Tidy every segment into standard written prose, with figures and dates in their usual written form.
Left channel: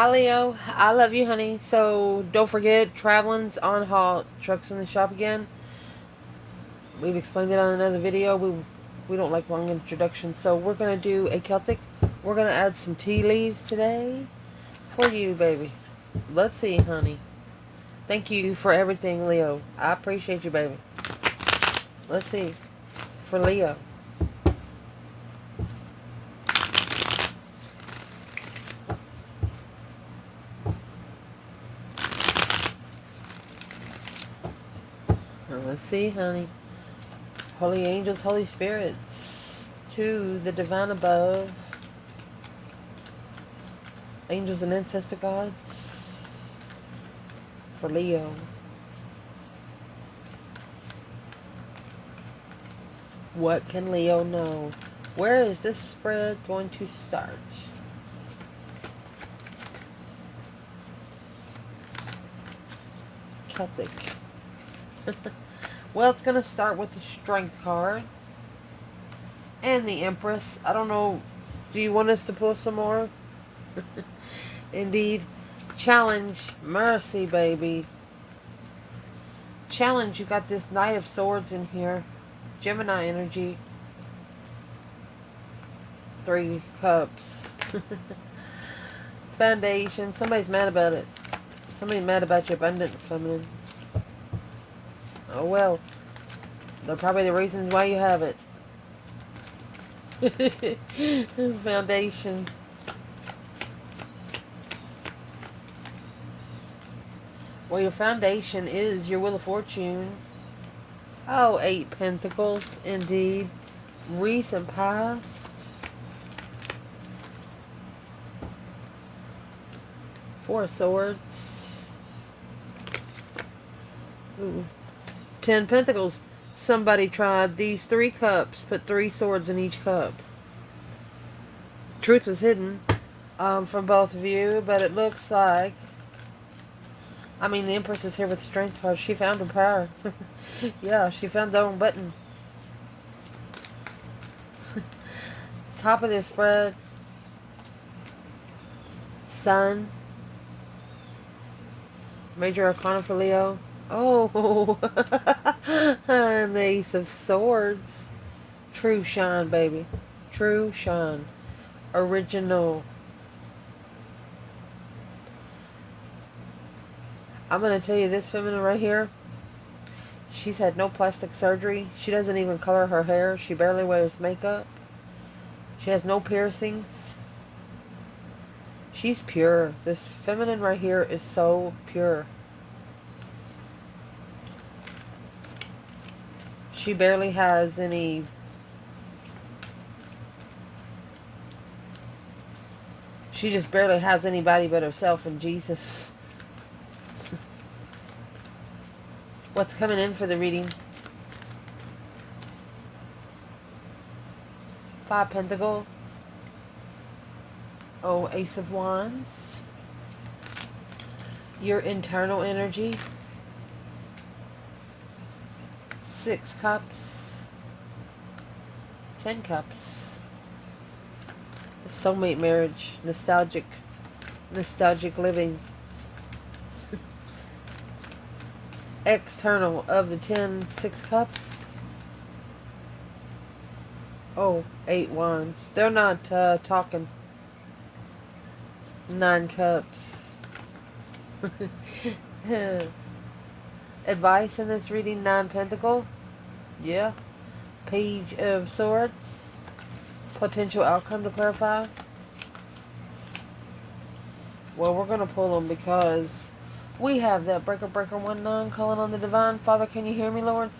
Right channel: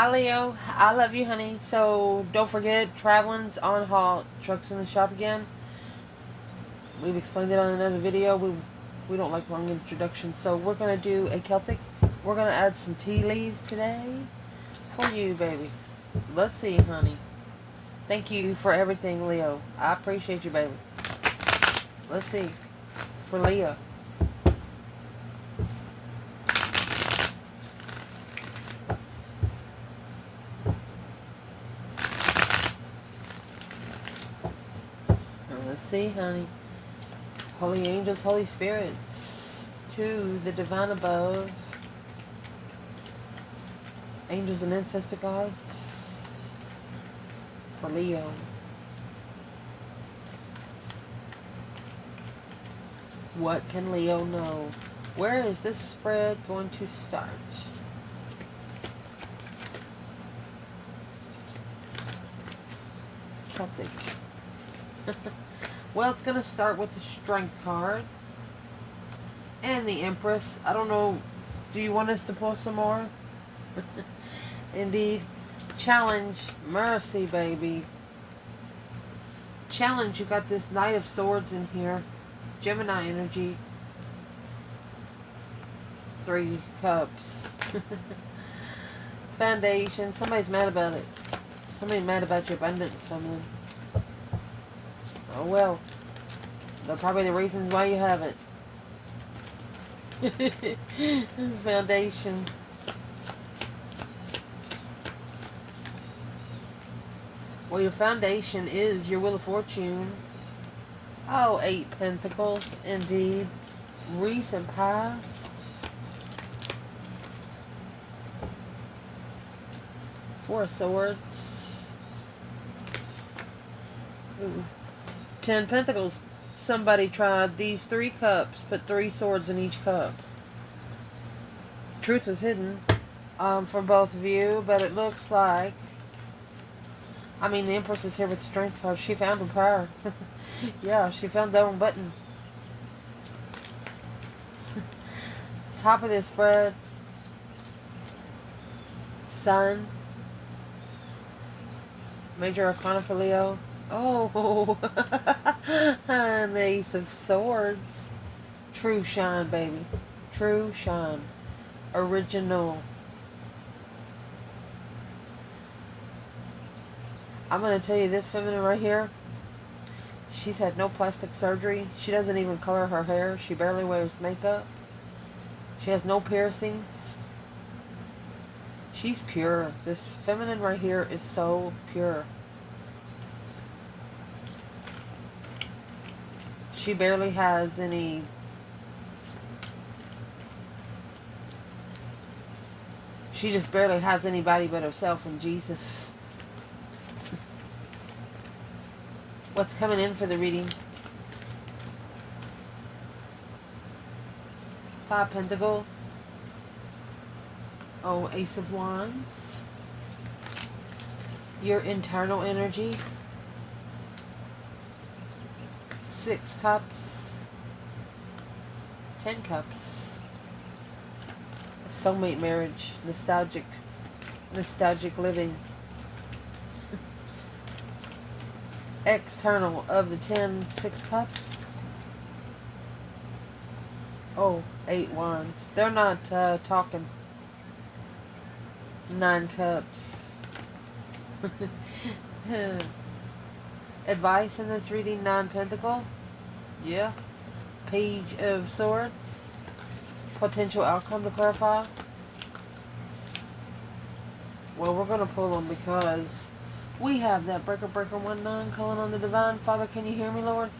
Hi Leo, I love you, honey. So don't forget, traveling's on halt. Trucks in the shop again. We've explained it on another video. We don't like long introductions, so we're gonna do a Celtic. We're gonna add some tea leaves today for you, baby. Let's see, honey. Thank you for everything, Leo. I appreciate you, baby. Let's see, for Leo. Let's see, honey. Holy angels, Holy spirits, to the divine above, angels and ancestor gods, for Leo. What can Leo know? Where is this spread going to start? Celtic. Well, it's going to start with the Strength card and the Empress. I don't know. Do you want us to pull some more? Indeed. Challenge. Mercy, baby. Challenge. You got this Knight of Swords in here. Gemini energy. 3 cups. Foundation. Somebody's mad about it. Somebody's mad about your abundance, feminine. Oh well, they're probably the reasons why you have it. Foundation. Well, your foundation is your Wheel of Fortune. Oh, 8 Pentacles, indeed. Recent past. 4 Swords. Ooh. 10 Pentacles. Somebody tried these 3 cups. Put 3 swords in each cup. Truth was hidden from both of you, but it looks like... I mean, the Empress is here with Strength card. She found her power. Yeah, she found the wrong button. Top of this spread. Sun. Major Arcana for Leo. Oh, and the Ace of Swords. True shine, baby. True shine. Original. I'm going to tell you this feminine right here. She's had no plastic surgery. She doesn't even color her hair. She barely wears makeup. She has no piercings. She's pure. This feminine right here is so pure. She barely has any... She just barely has anybody but herself and Jesus. What's coming in for the reading? 5 Pentacle. Oh, Ace of Wands. Your internal energy. 6 Cups. 10 Cups. Soulmate marriage. Nostalgic living. External of the 6 Cups. Oh, 8 Wands. They're not talking. 9 Cups. Advice in this reading, 9 Pentacle. Yeah. Page of Swords. Potential outcome to clarify. Well, we're going to pull them because we have that breaker 19 calling on the divine. Father, can you hear me, Lord?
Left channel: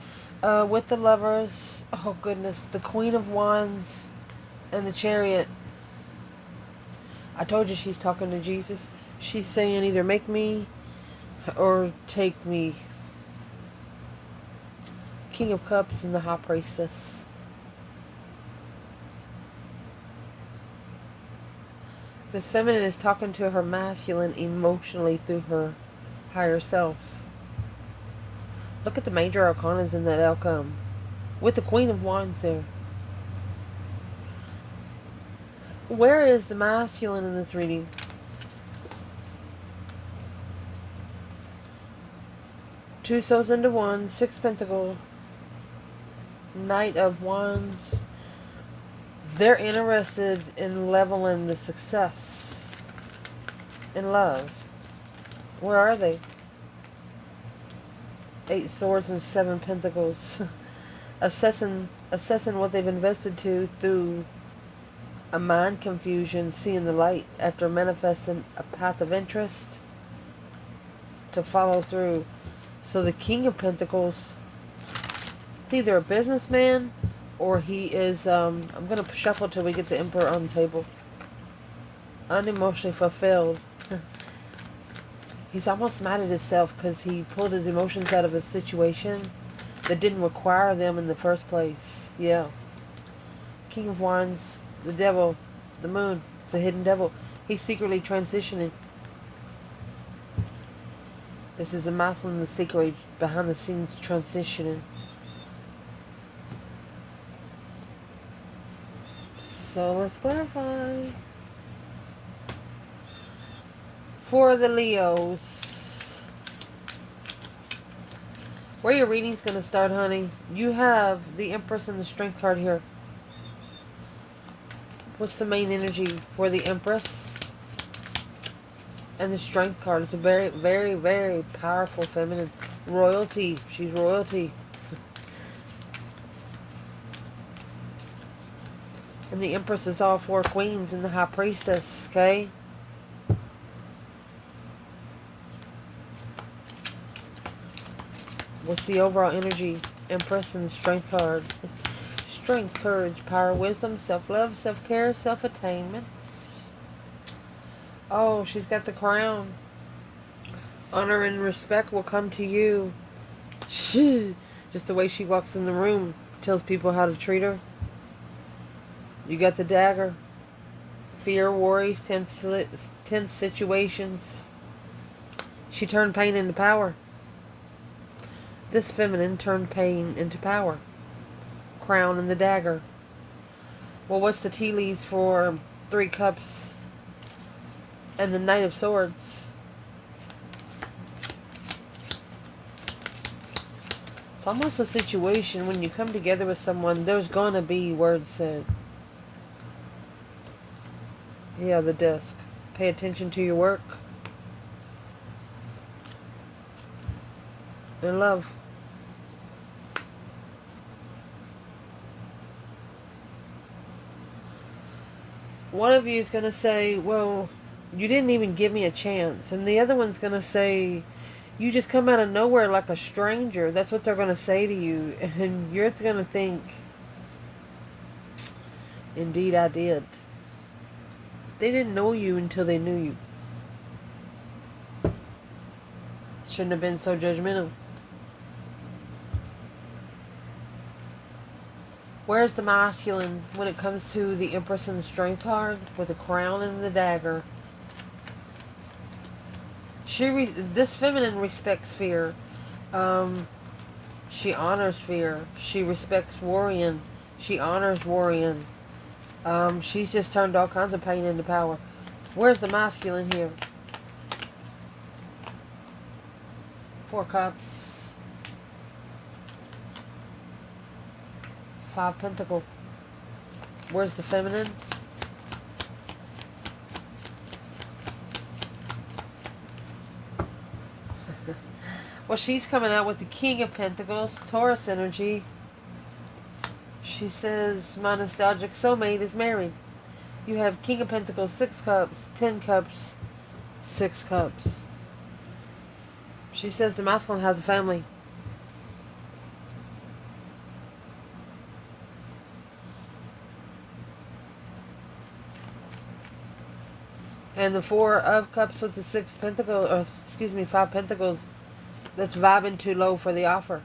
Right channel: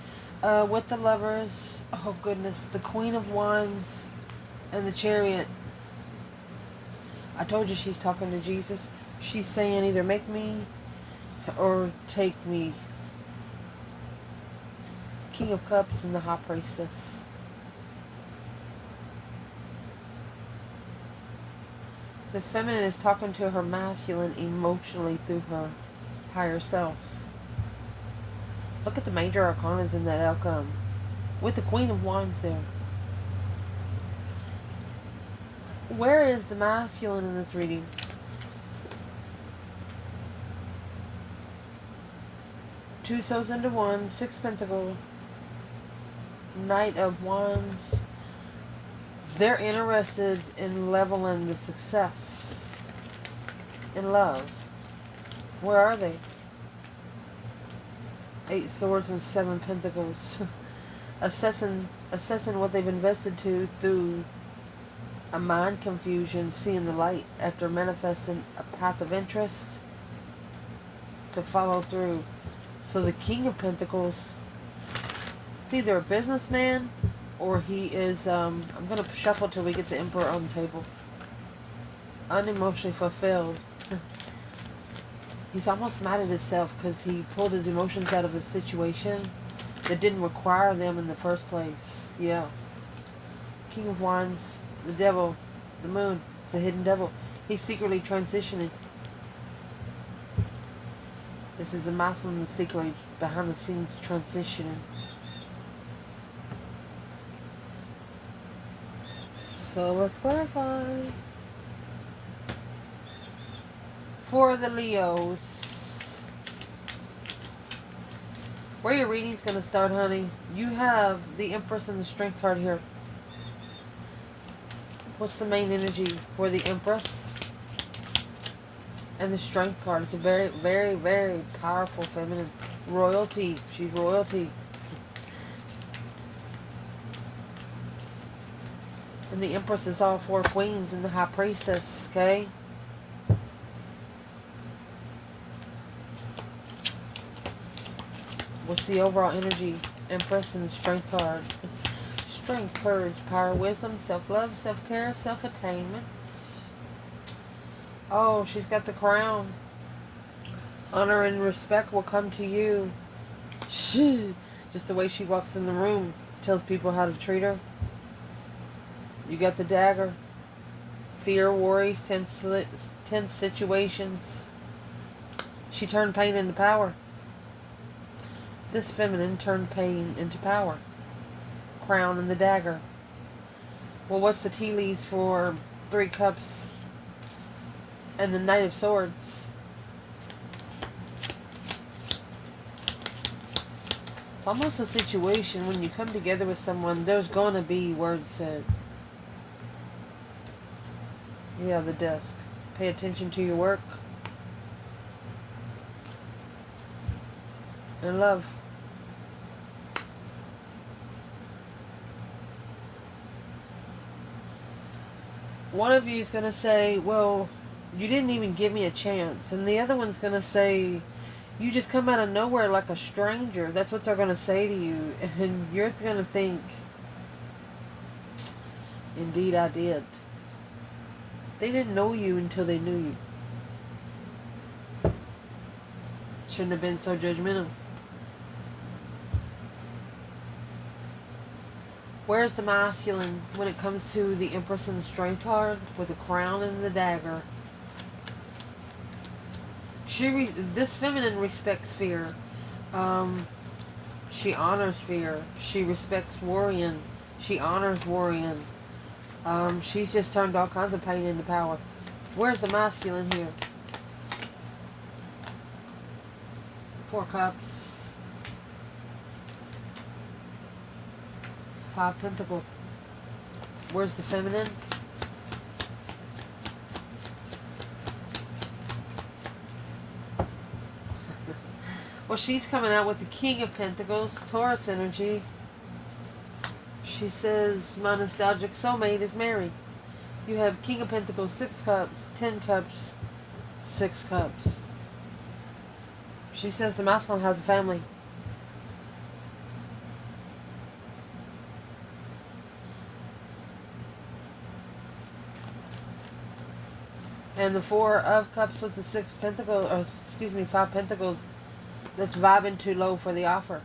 With the Lovers. Oh, goodness. The Queen of Wands and the Chariot. I told you she's talking to Jesus. She's saying either make me or take me. King of Cups and the High Priestess. This feminine is talking to her masculine emotionally through her higher self. Look at the major arcanas in that outcome. With the Queen of Wands there. Where is the masculine in this reading? Two souls into one. Six Pentacles. Knight of Wands. They're interested in leveling the success in love. Where are they? Eight Swords and Seven Pentacles. assessing what they've invested to through a mind confusion, seeing the light after manifesting a path of interest to follow through. So the King of Pentacles, it's either a businessman or he is, I'm going to shuffle till we get the Emperor on the table. Unemotionally fulfilled. He's almost mad at himself because he pulled his emotions out of a situation that didn't require them in the first place. Yeah. King of Wands, the devil, the moon, it's a hidden devil. He's secretly transitioning. This is a masculine that's secretly behind the scenes transitioning. So let's clarify. For the Leos, where your reading's going to start, honey, you have the Empress and the Strength card here. What's the main energy for the Empress and the Strength card? It's a very, very, very powerful feminine. Royalty. She's royalty. And the Empress is all four queens and the High Priestess, okay? What's the overall energy? Empress and the Strength card. Strength, courage, power, wisdom, self-love, self-care, self-attainment. Oh, she's got the crown. Honor and respect will come to you. Just the way she walks in the room tells people how to treat her. You got the dagger. Fear, worries, tense situations. She turned pain into power. This feminine turned pain into power. Crown and the dagger. Well, what's the tea leaves for Three Cups and the Knight of Swords? It's almost a situation when you come together with someone, there's going to be words said. Yeah, the desk. Pay attention to your work. And love. One of you is going to say, well, you didn't even give me a chance. And the other one's going to say, you just come out of nowhere like a stranger. That's what they're going to say to you. And you're going to think, indeed I did. They didn't know you until they knew you. Shouldn't have been so judgmental. Where's the masculine when it comes to the Empress and the Strength card with the crown and the dagger? This feminine respects fear. She honors fear. She respects worrying. She honors worrying. She's just turned all kinds of pain into power. Where's the masculine here? Four Cups. Five Pentacles. Where's the feminine? Well, she's coming out with the King of Pentacles, Taurus energy. She says, my nostalgic soulmate is married. You have King of Pentacles, 6 Cups, 10 Cups, 6 Cups. She says the masculine has a family. And the Four of Cups with the 6 Pentacles, or excuse me, 5 Pentacles, that's vibing too low for the offer.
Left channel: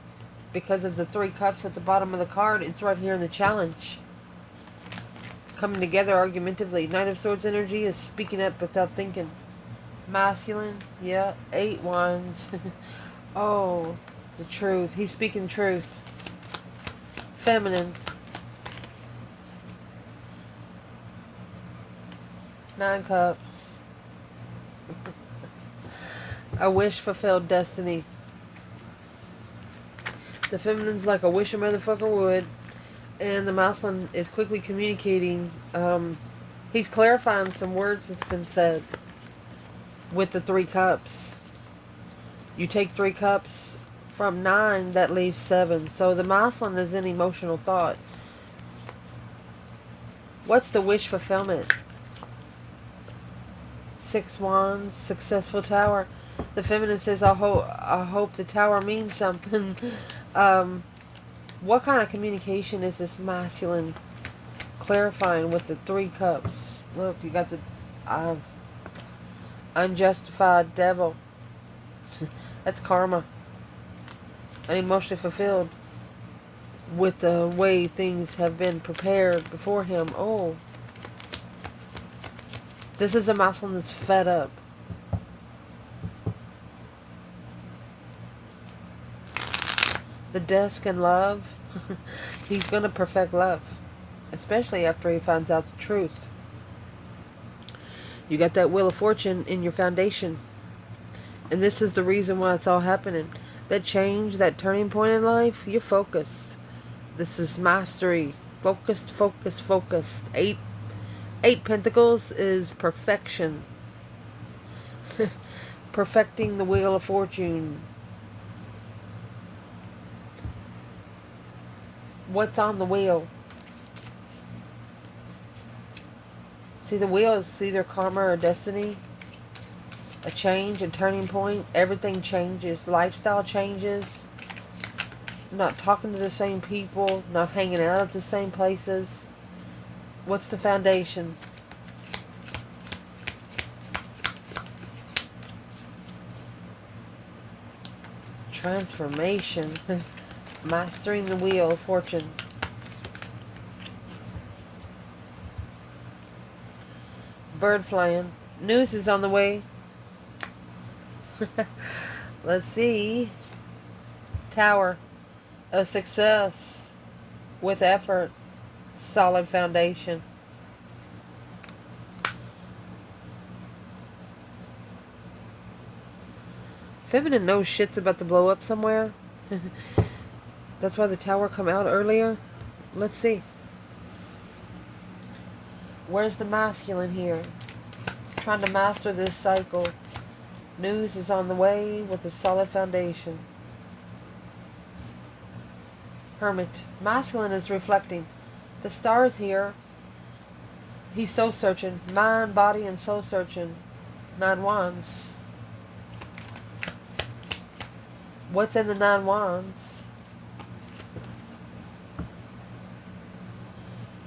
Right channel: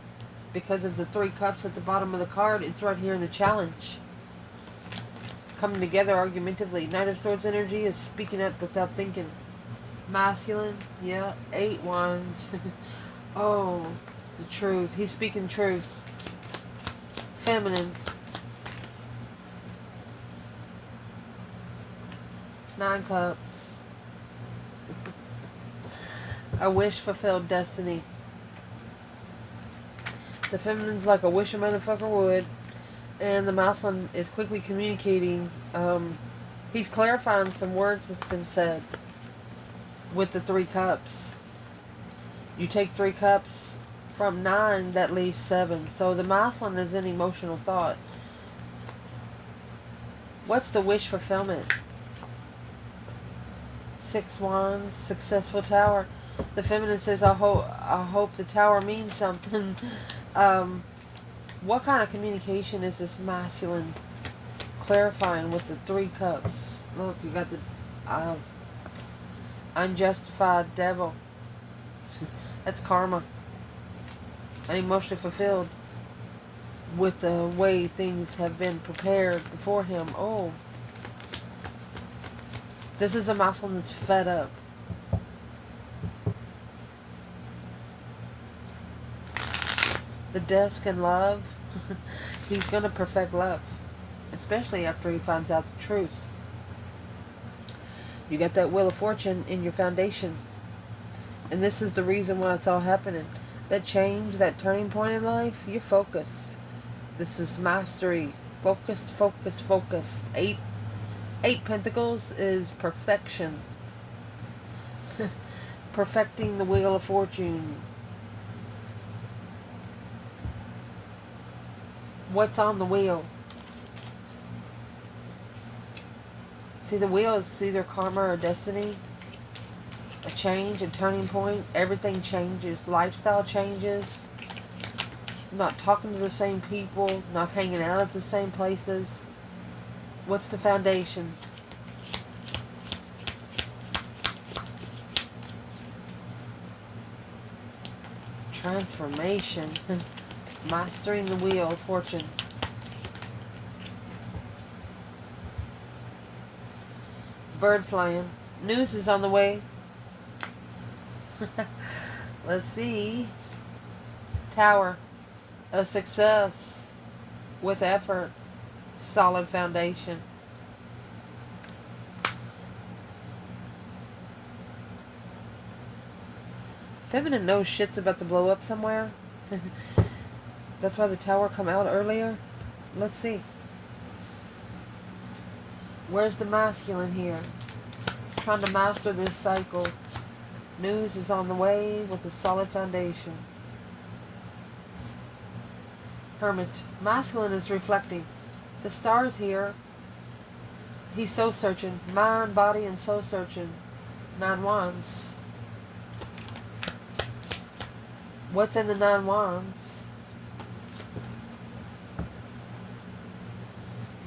Because of the 3 Cups at the bottom of the card, it's right here in the challenge. Coming together argumentatively. Knight of Swords energy is speaking up without thinking. Masculine, yeah, 8 Wands. Oh, the truth. He's speaking truth. Feminine. 9 Cups. A wish fulfilled destiny. The feminine's like a wish a motherfucker would. And the masculine is quickly communicating. He's clarifying some words that's been said with the 3 cups. You take 3 cups from 9, that leaves 7. So the masculine is in emotional thought. What's the wish fulfillment? 6 wands, successful tower. The feminine says, I hope the tower means something. What kind of communication is this masculine clarifying with the 3 cups? Look, you got the unjustified devil. That's karma. And emotionally fulfilled with the way things have been prepared before him. Oh. This is a masculine that's fed up. The desk and love. He's going to perfect love. Especially after he finds out the truth. You got that Wheel of Fortune in your foundation. And this is the reason why it's all happening. That change, that turning point in life, you're focused. This is mastery. Focused, focused, focused. 8 Pentacles is perfection. Perfecting the Wheel of Fortune. What's on the wheel? See, the wheel is either karma or destiny. A change, a turning point. Everything changes. Lifestyle changes. Not talking to the same people. Not hanging out at the same places. What's the foundation? Transformation. Mastering the Wheel of Fortune. Bird flying. News is on the way. Let's see. Tower of success with effort. Solid foundation. Feminine knows shit's about to blow up somewhere. That's why the tower come out earlier. Let's see. Where's the masculine here? Trying to master this cycle. News is on the way with a solid foundation. Hermit. Masculine is reflecting. The stars here. He's soul searching. Mind, body, and soul searching. 9 wands. What's in the 9 wands?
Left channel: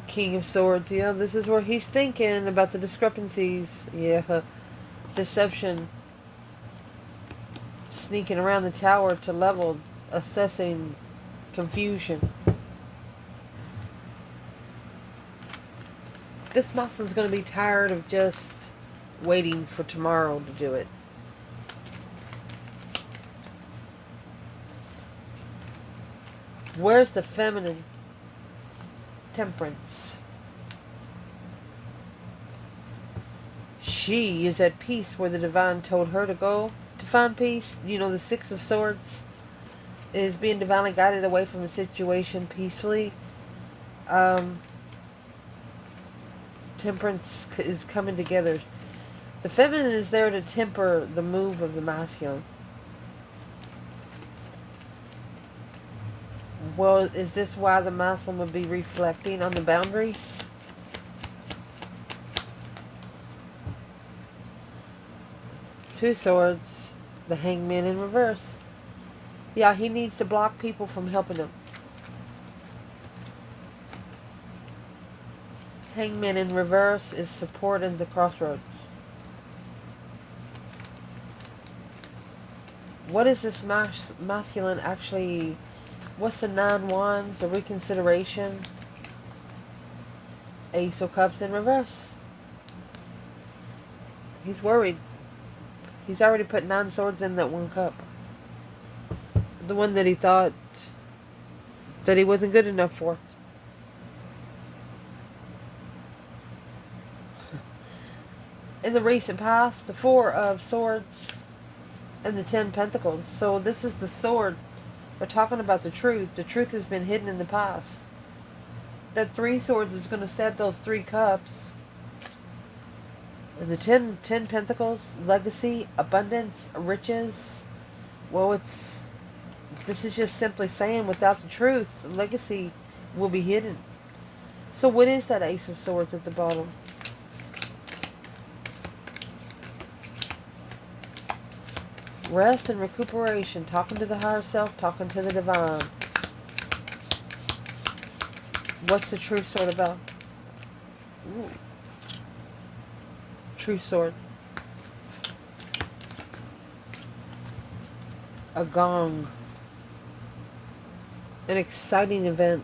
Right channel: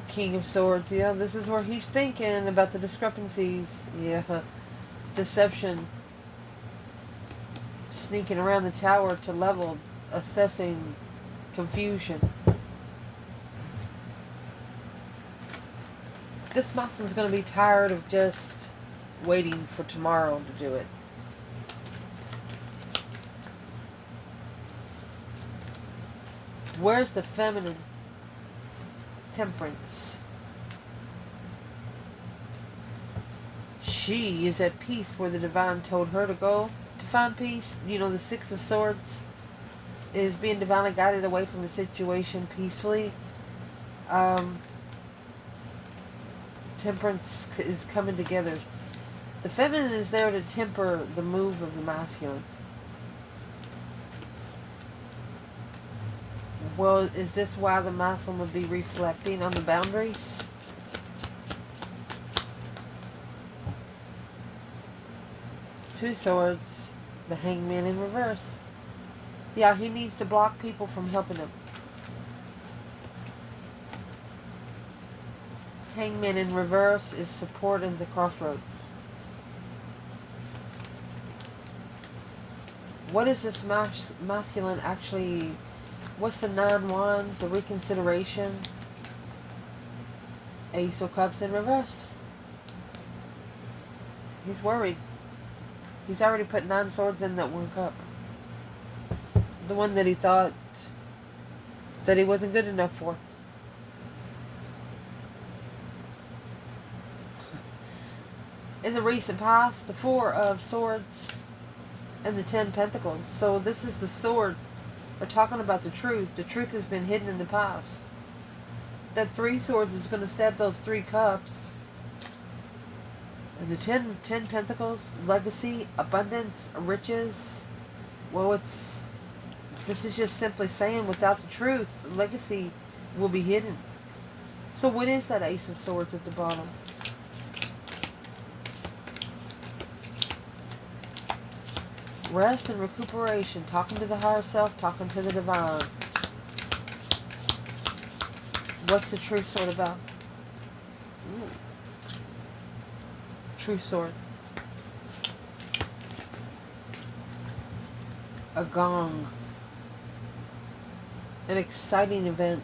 King of Swords. Yeah, this is where he's thinking about the discrepancies. Yeah. Deception. Sneaking around the tower to level. Assessing confusion. This masculine's going to be tired of just waiting for tomorrow to do it. Where's the feminine? Temperance. She is at peace where the divine told her to go to find peace. You know, the 6 of Swords is being divinely guided away from the situation peacefully. Temperance is coming together. The feminine is there to temper the move of the masculine. Well, is this why the masculine would be reflecting on the boundaries? Two Swords. The Hangman in reverse. Yeah, he needs to block people from helping him. Hangman in reverse is support in the crossroads. What is this masculine actually? What's the 9 wands? The reconsideration. Ace of Cups in reverse. He's worried. He's already put 9 swords in that 1 cup. The one that he thought that he wasn't good enough for. In the recent past, the 4 of Swords and the 10 Pentacles. So this is the sword They're talking about the truth. The truth has been hidden in the past. That Three Swords is going to stab those Three Cups. And the ten Pentacles, legacy, abundance, riches. Well, this is just simply saying without the truth, legacy will be hidden. So what is that Ace of Swords at the bottom? Rest and recuperation, talking to the higher self, talking to the divine. What's the Truth Sword about? Ooh. Truth Sword. A gong. An exciting event.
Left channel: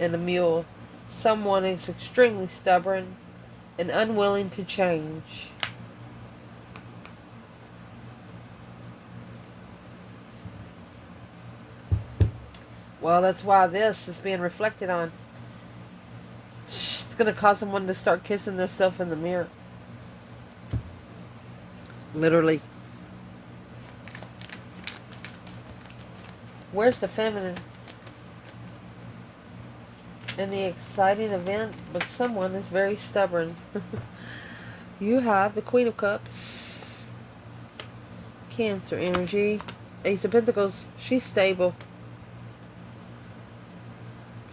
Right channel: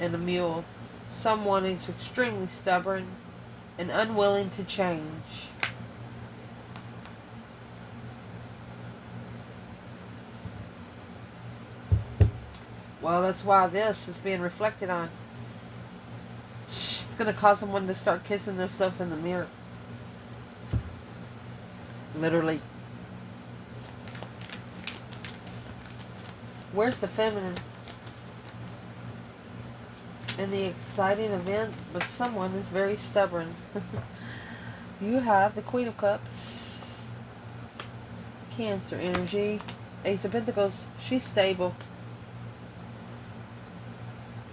And a mule. Someone is extremely stubborn and unwilling to change. Well, that's why this is being reflected on. It's going to cause someone to start kissing themselves in the mirror. Literally. Where's the feminine? In the exciting event, but someone is very stubborn. You have the Queen of Cups. Cancer energy. Ace of Pentacles. She's stable.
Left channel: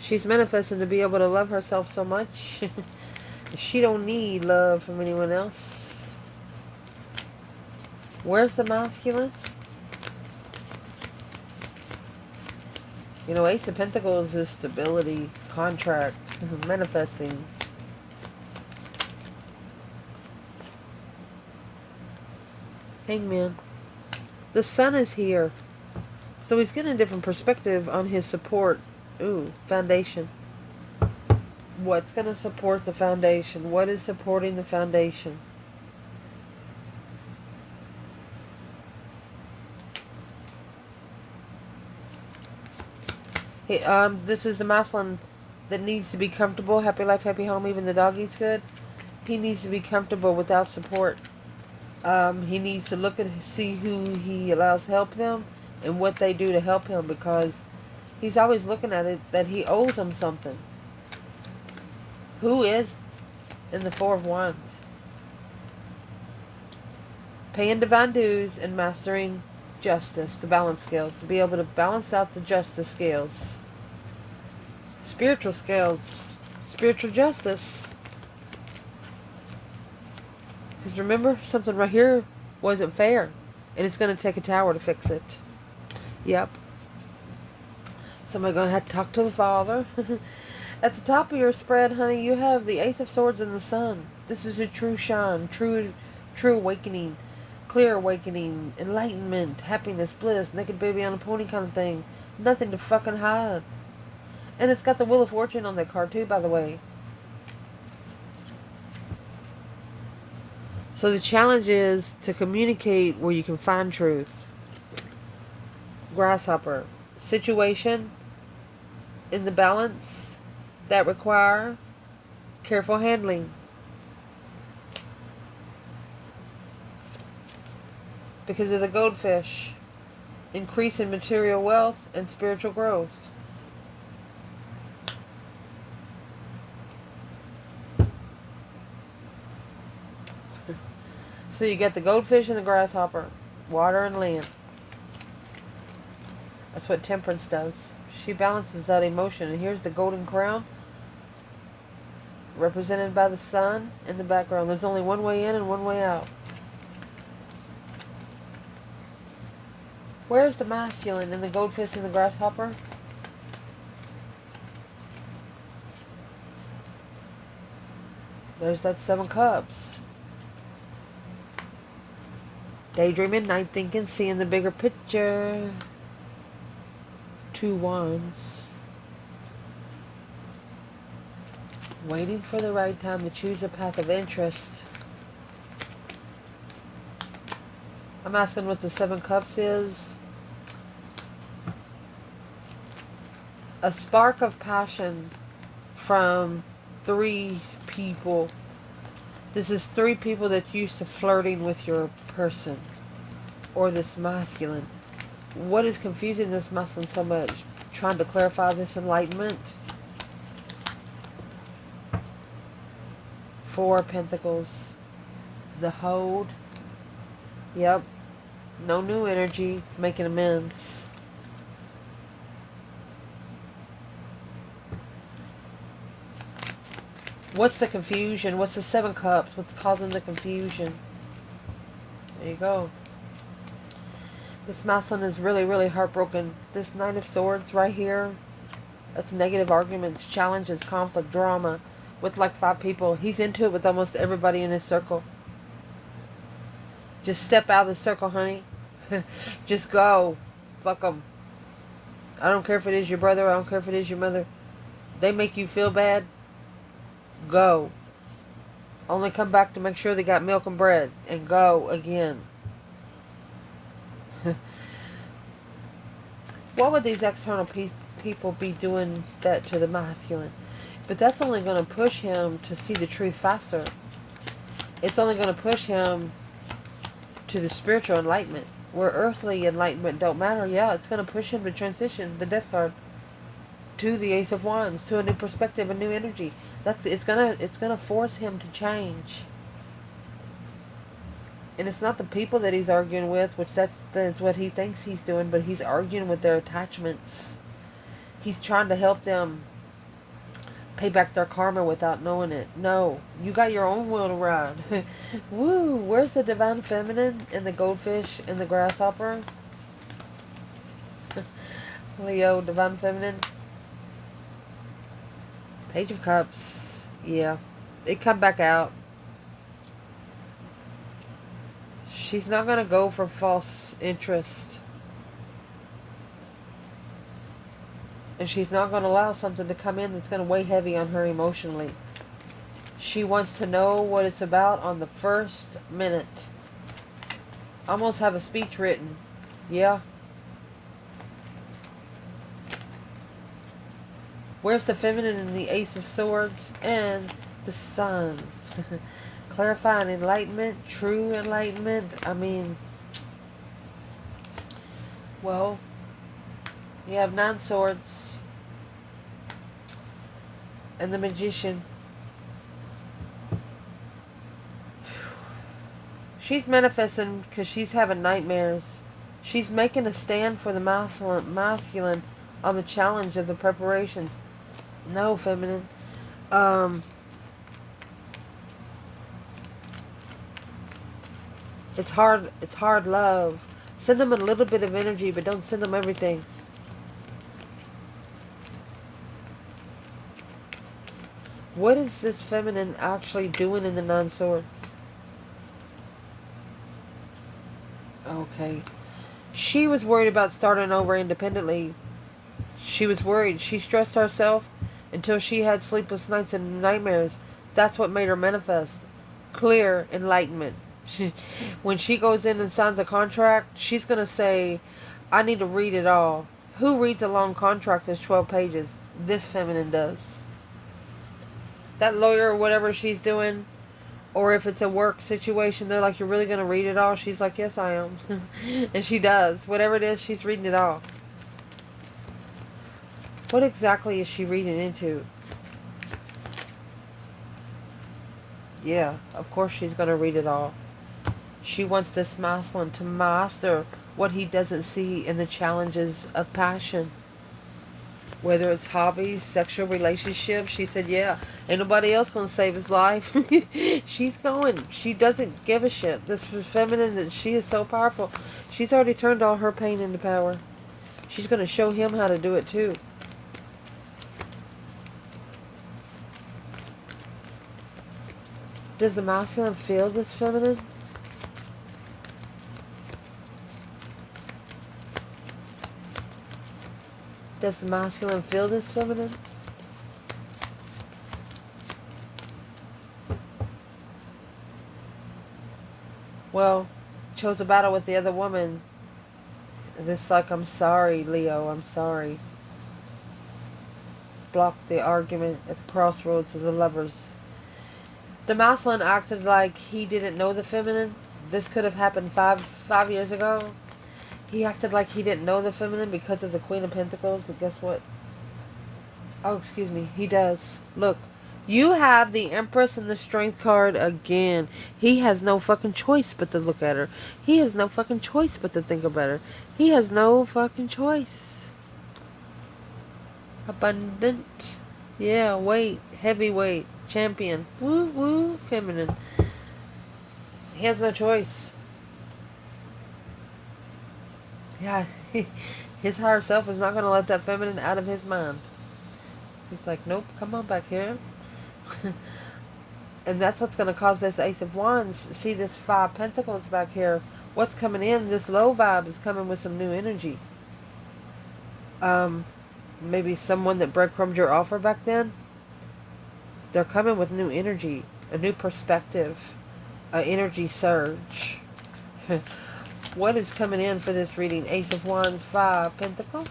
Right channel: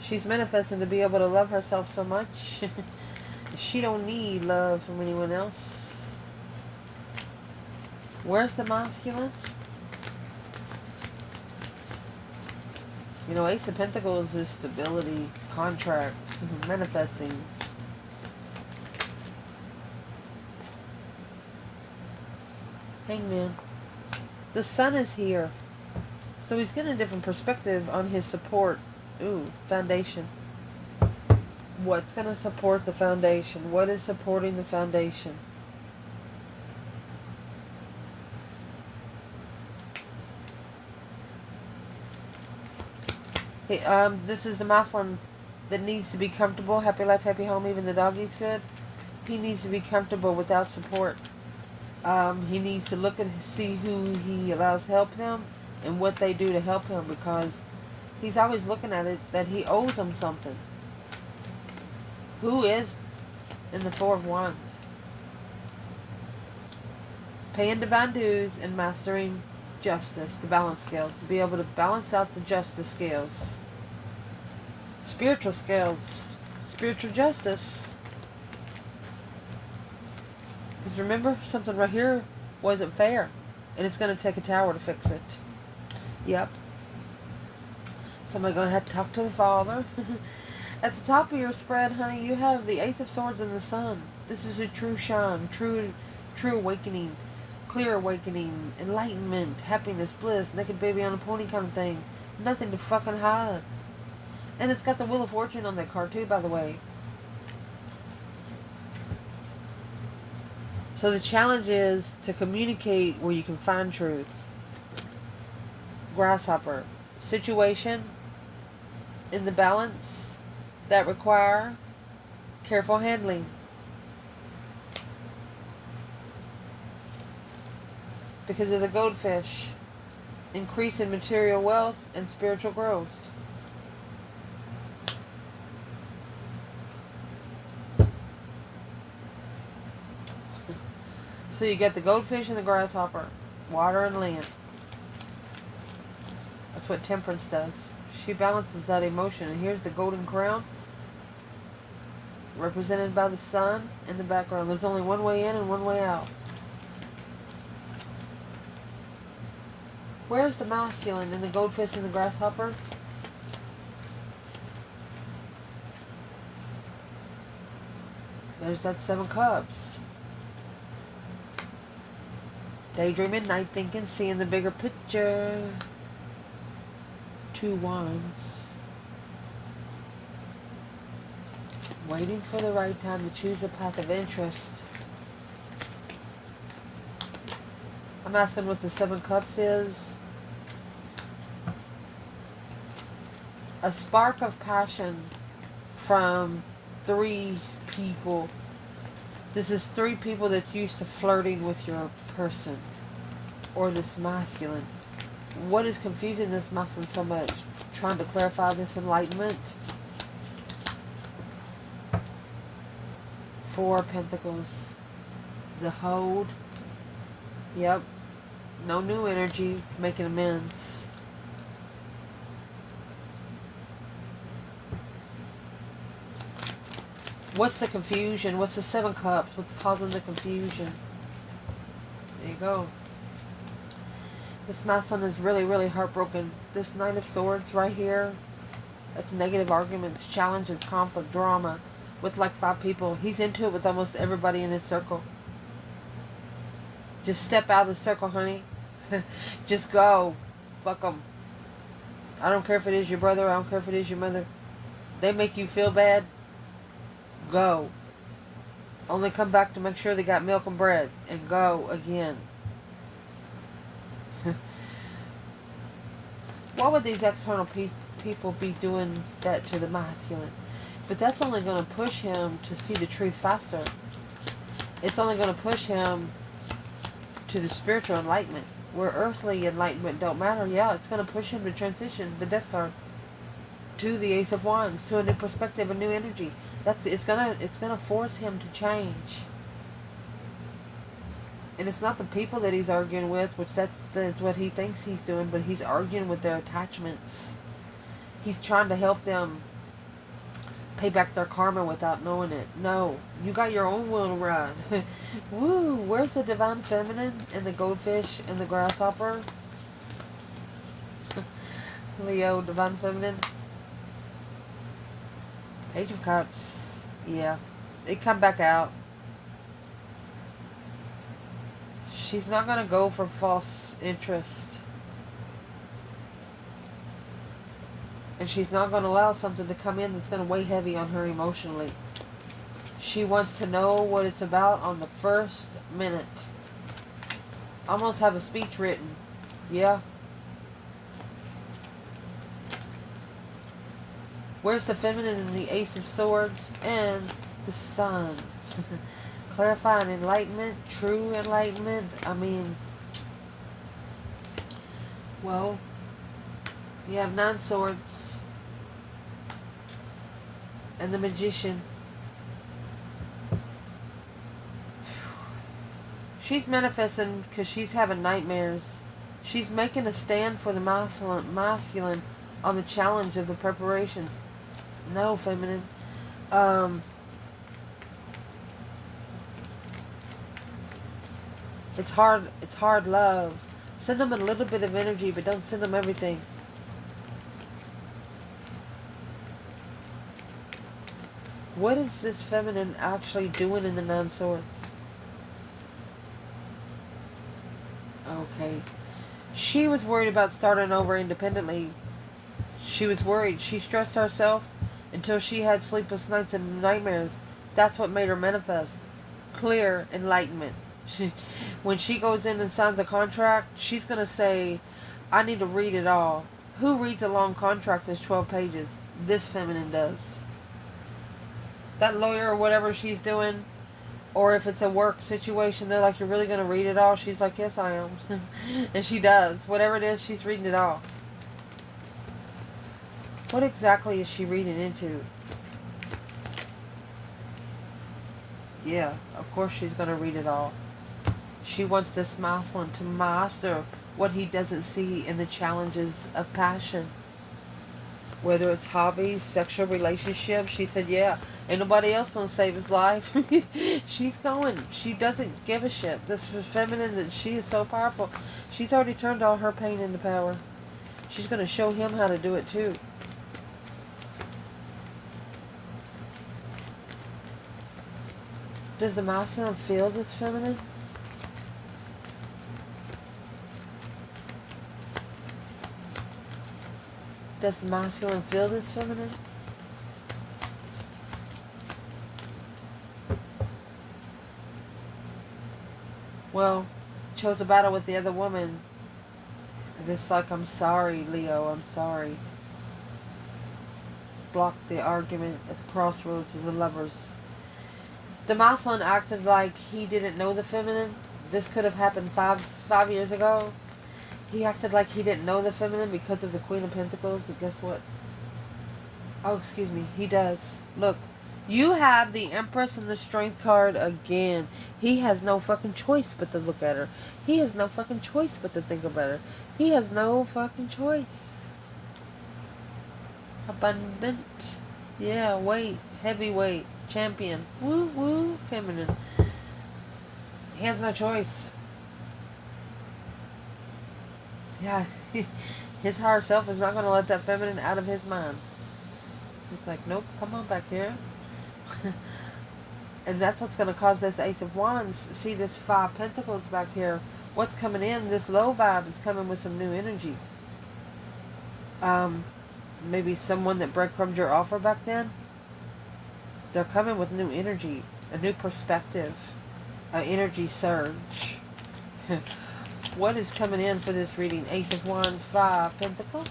She's manifesting to be able to love herself so much. She don't need love from anyone else. Where's the masculine? You know, Ace of Pentacles is stability, contract, manifesting. Hangman. The sun is here. So he's getting a different perspective on his support. Ooh, foundation. What's going to support the foundation? What is supporting the foundation? Hey, this is the masculine that needs to be comfortable. Happy life, happy home. Even the doggy's good. He needs to be comfortable without support. He needs to look at, see who he allows help them and what they do to help him, because he's always looking at it that he owes them something. Who is in the Four of Wands? Paying divine dues and mastering justice, the balance scales, to be able to balance out the justice scales. Spiritual scales, spiritual justice. Because remember, something right here wasn't fair, and it's going to take a tower to fix it. Yep. Somebody going to have to talk to the Father. At the top of your spread, honey, you have the Ace of Swords and the Sun. This is a true shine, true awakening, clear awakening, enlightenment, happiness, bliss, naked baby on a pony kind of thing. Nothing to fucking hide. And it's got the Wheel of Fortune on that card too, by the way. So the challenge is to communicate where you can find truth. Grasshopper. Situation in the balance that require careful handling. Because of the goldfish. Increase in material wealth and spiritual growth. So you get the goldfish and the grasshopper. Water and land. That's what temperance does. She balances that emotion. And here's the golden crown, represented by the sun in the background. There's only one way in and one way out. Where's the masculine in the goldfish and the grasshopper? There's that Seven Cups. Daydreaming, night thinking, seeing the bigger picture. Two Wands. Waiting for the right time to choose a path of interest. I'm asking what the Seven Cups is. A spark of passion from three people. This is three people that's used to flirting with your person. or this masculine? What is confusing this masculine so much? Trying to clarify this enlightenment. Four of Pentacles. The hold. Yep. No new energy. Making amends. What's the confusion? What's the Seven Cups? What's causing the confusion? There you go. This masculine is really, really heartbroken. This Nine of Swords right here, that's negative arguments, challenges, conflict, drama with like 5 people. He's into it with almost everybody in his circle. Just step out of the circle, honey. Just go. Fuck them. I don't care if it is your brother. I don't care if it is your mother. They make you feel bad. Go. Only come back to make sure they got milk and bread. And go again. Why would these external people be doing that to the masculine? But that's only going to push him to see the truth faster. It's only going to push him to the spiritual enlightenment. Where earthly enlightenment don't matter. Yeah, it's going to push him to transition the death card to the Ace of Wands, to a new perspective, a new energy. It's gonna force him to change. And it's not the people that he's arguing with, which that's what he thinks he's doing, but he's arguing with their attachments. He's trying to help them pay back their karma without knowing it. No, you got your own will to ride. Woo! Where's the divine feminine and the goldfish and the grasshopper? Leo, divine feminine. Page of Cups. Yeah. It come back out. She's not going to go for false interest. And she's not going to allow something to come in that's going to weigh heavy on her emotionally. She wants to know what it's about on the first minute. Almost have a speech written. Yeah. Where's the feminine in the Ace of Swords and the Sun? Clarifying enlightenment, true enlightenment. I mean, well, you have 9 swords and the Magician. She's manifesting because she's having nightmares. She's making a stand for the masculine on the challenge of the preparations. No, feminine. It's hard love. Send them a little bit of energy, but don't send them everything. What is this feminine actually doing in the 9 swords? Okay. She was worried about starting over independently. She was worried. She stressed herself until she had sleepless nights and nightmares. That's what made her manifest. Clear enlightenment. When she goes in and signs a contract, she's going to say, I need to read it all. Who reads a long contract that's 12 pages? This feminine does. That lawyer or whatever she's doing, or if it's a work situation, they're like, you're really going to read it all? She's like, yes, I am. And she does. Whatever it is, she's reading it all. What exactly is she reading into? Yeah, of course she's going to read it all. She wants this masculine to master what he doesn't see in the challenges of passion. Whether it's hobbies, sexual relationships. She said, yeah, ain't nobody else going to save his life. She's going. She doesn't give a shit. This feminine, that she is so powerful. She's already turned all her pain into power. She's going to show him how to do it too. Does the masculine feel this feminine? Does the masculine feel this feminine? Well, chose a battle with the other woman. This like, I'm sorry, Leo, I'm sorry. Blocked the argument at the crossroads of the lovers. The masculine acted like he didn't know the feminine, This could have happened five years ago. He acted like he didn't know the feminine because of the Queen of Pentacles, but guess what? Oh, excuse me. He does. Look. You have the Empress and the Strength card again. He has no fucking choice but to look at her. He has no fucking choice but to think about her. He has no fucking choice. Abundant. Yeah, weight. Heavyweight. Champion. Woo woo. Feminine. He has no choice. Yeah. His higher self is not going to let that feminine out of his mind. He's like, nope, come on back here. And that's what's going to cause this Ace of Wands. See this Five Pentacles back here. What's coming in? This low vibe is coming with some new energy. Maybe someone that breadcrumbed your offer back then. They're coming with new energy, a new perspective, an energy surge. What is coming in for this reading? Ace of Wands, Five Pentacles.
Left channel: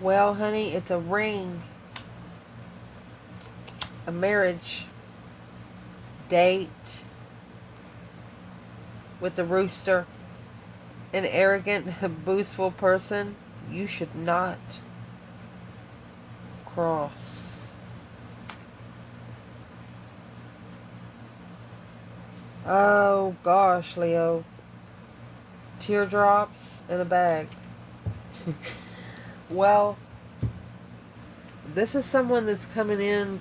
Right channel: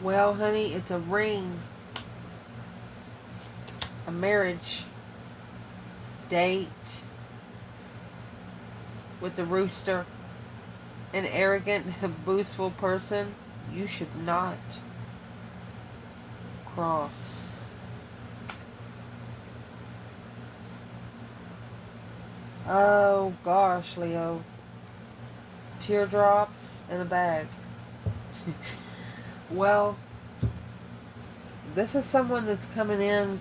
Well, honey, it's a ring, a marriage, date with the rooster, an arrogant, boastful person you should not cross. Oh, gosh, Leo. Teardrops in a bag. Well, this is someone that's coming in.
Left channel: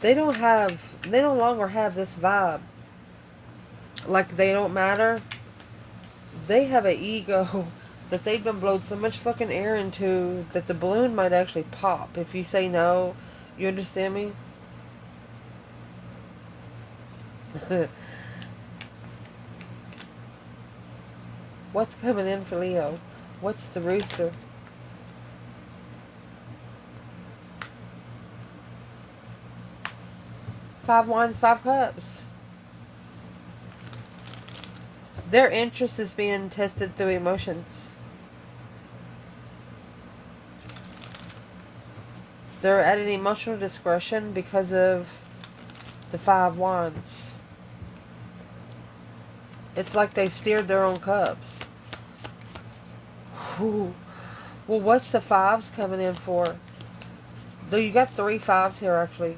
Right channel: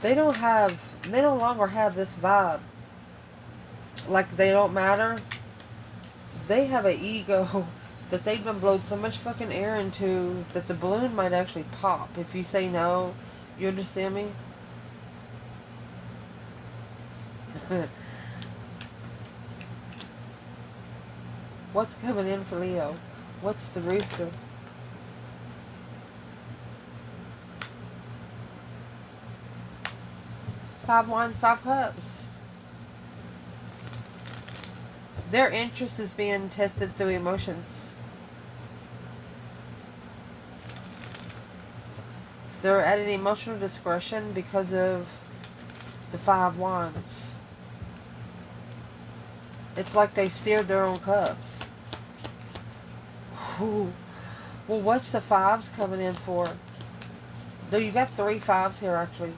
They no longer have this vibe. Like they don't matter. They have an ego that they've been blowed so much fucking air into that the balloon might actually pop if you say no. You understand me? What's coming in for Leo? What's the rooster? Five Wands, Five Cups. Their interest is being tested through emotions. They're at an emotional discretion because of the Five Wands. It's like they steered their own cups. Ooh. Well, what's the fives coming in for? Though you got 3 fives here, actually.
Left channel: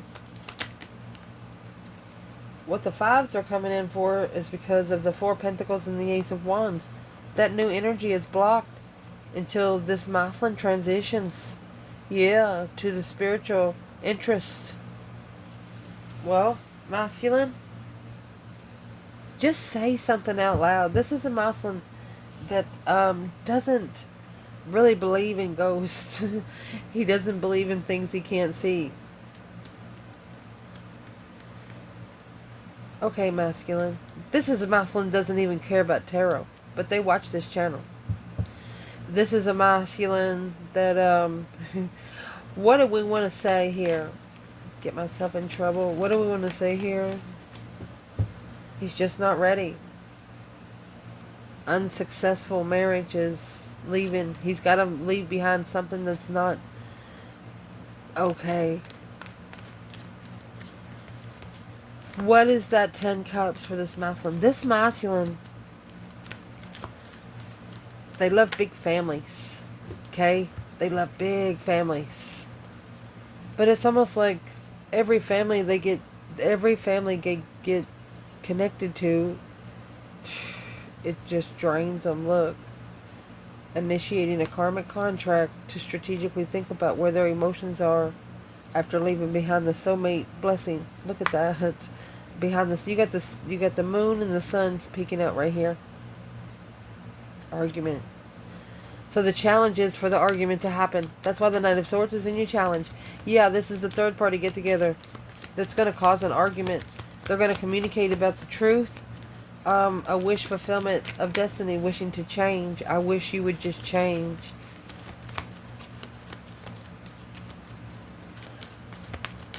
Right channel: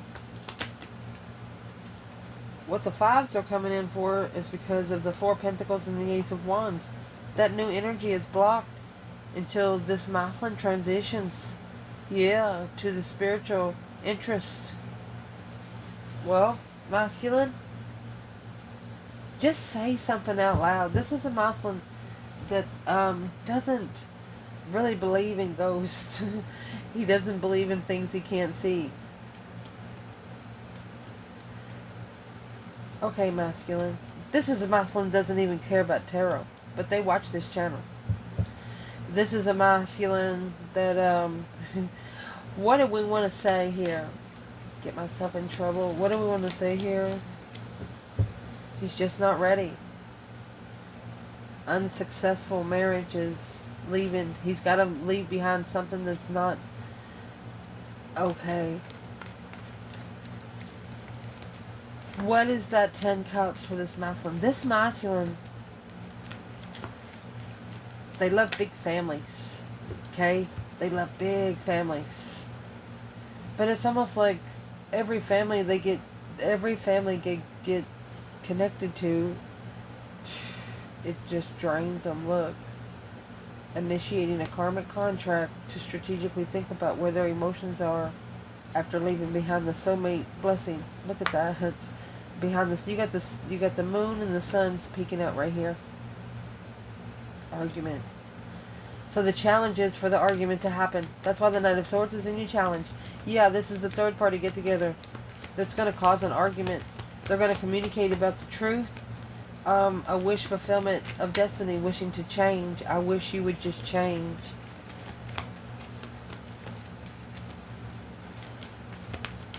What the fives are coming in for is because of the Four Pentacles and the Ace of Wands. That new energy is blocked until this masculine transitions. Yeah, to the spiritual interest. Well, masculine, just say something out loud. This is a masculine that doesn't really believe in ghosts. He doesn't believe in things he can't see. Okay, masculine. This is a masculine doesn't even care about tarot, but they watch this channel. This is a masculine that what do we want to say here? Get myself in trouble. What do we want to say here? He's just not ready. Unsuccessful marriages, leaving. He's got to leave behind something that's not okay. What is that 10 cups for this masculine? This masculine, they love big families. Okay? They love big families. But it's almost like every family get connected to, it just drains them. Look, initiating a karmic contract to strategically think about where their emotions are after leaving behind the soulmate blessing. Look at that. Behind this, you got the moon and the sun's peeking out right here. Argument. So the challenge is for the argument to happen. That's why the Knight of Swords is in your challenge. Yeah, this is the third party get together that's going to cause an argument. They're going to communicate about the truth. A wish fulfillment of destiny, wishing to change. I wish you would just change.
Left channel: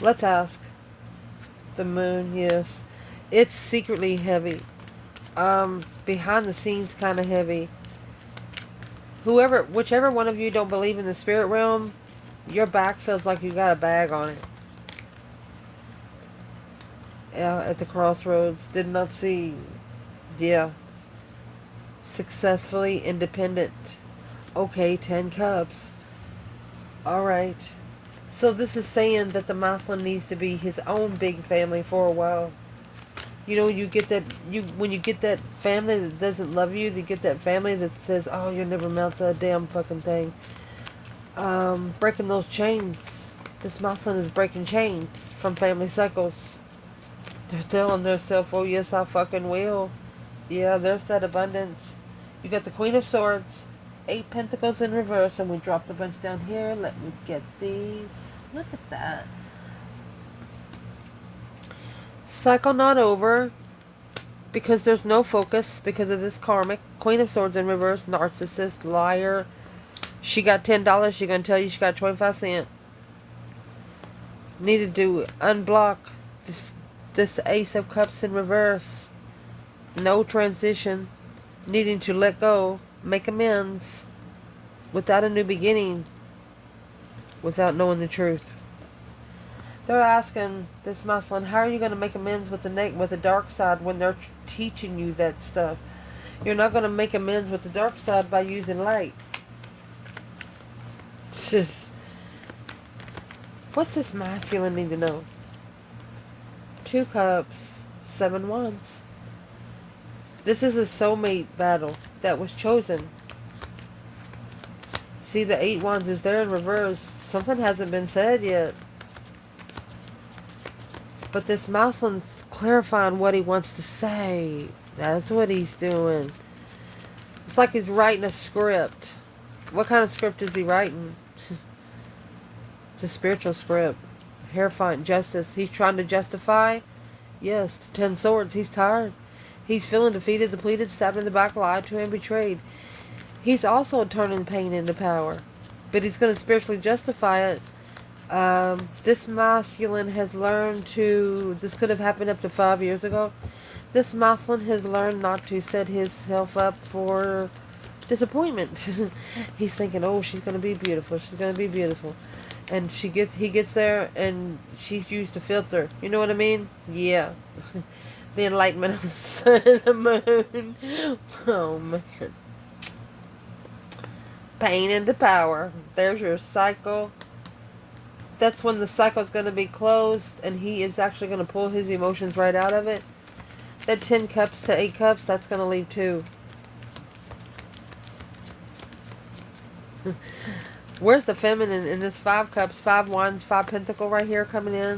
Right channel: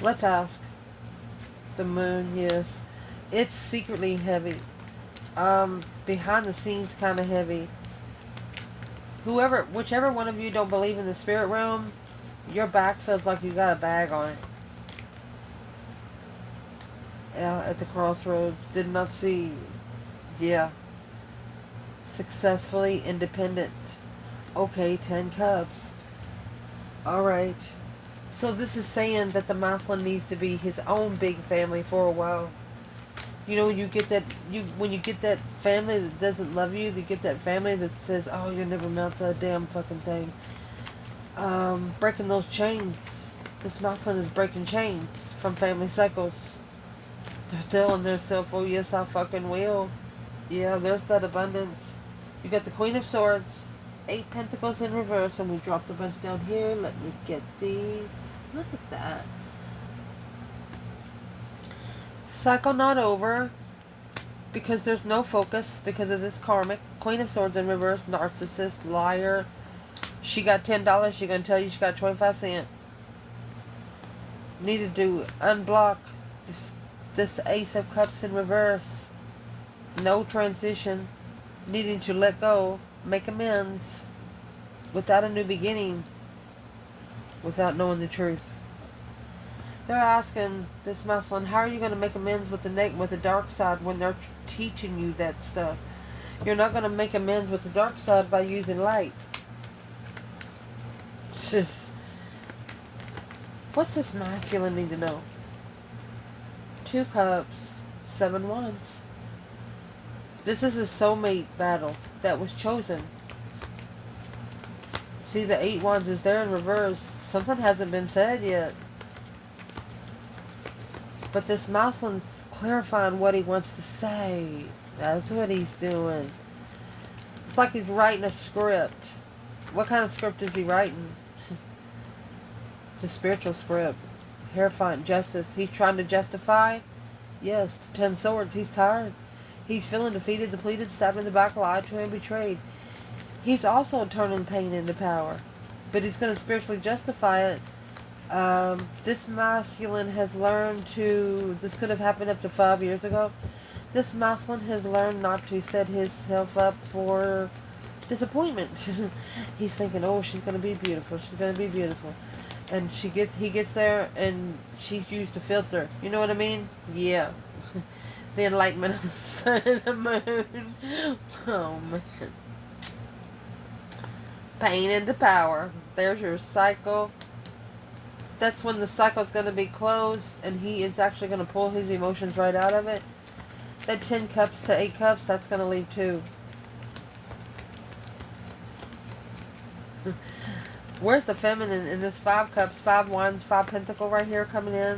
Let's ask. The moon, yes. It's secretly heavy. Behind the scenes kind of heavy. Whichever one of you don't believe in the spirit realm, Your back feels like you got a bag on it. At the crossroads. Did not see. Yeah. Successfully independent. Okay, 10 cups. Alright. So this is saying that the masculine needs to be his own big family for a while. You know, you get that, when you get that family that doesn't love you, you get that family that says, oh, you'll never melt that damn fucking thing. Breaking those chains. This masculine is breaking chains from family cycles. They're telling themselves, oh yes, I fucking will. Yeah, there's that abundance. You got the Queen of Swords, 8 Pentacles in reverse, and we dropped a bunch down here. Let me get these. Look at that. Cycle not over, because there's no focus because of this karmic. Queen of Swords in reverse, narcissist, liar. She got $10. She's going to tell you she got 25 cents. Needed to unblock this Ace of Cups in reverse. No transition. Needing to let go. Make amends. Without a new beginning. Without knowing the truth. They're asking this masculine, how are you going to make amends with the dark side when they're teaching you that stuff? You're not going to make amends with the dark side by using light. What's this masculine need to know? 2 cups, 7 wands. This is a soulmate battle that was chosen. See, the 8 wands is there in reverse. Something hasn't been said yet. But this masculine's clarifying what he wants to say. That's what he's doing. It's like he's writing a script. What kind of script is he writing? It's a spiritual script. Terrifying justice. He's trying to justify. Yes, the 10 swords. He's tired. He's feeling defeated, depleted, stabbed in the back, lied to, and betrayed. He's also turning pain into power. But he's going to spiritually justify it. This masculine has learned to, this could have happened up to 5 years ago. This masculine has learned not to set himself up for disappointment. He's thinking, oh, she's going to be beautiful. She's going to be beautiful. And he gets there and she's used a filter. You know what I mean? Yeah. The enlightenment of the sun and the moon. Oh, man. Pain into power. There's your cycle. That's when the cycle is going to be closed and he is actually going to pull his emotions right out of it. That 10 cups to 8 cups, that's going to leave 2. Where's the feminine in this 5 cups, 5 wands, 5 pentacle right here coming in?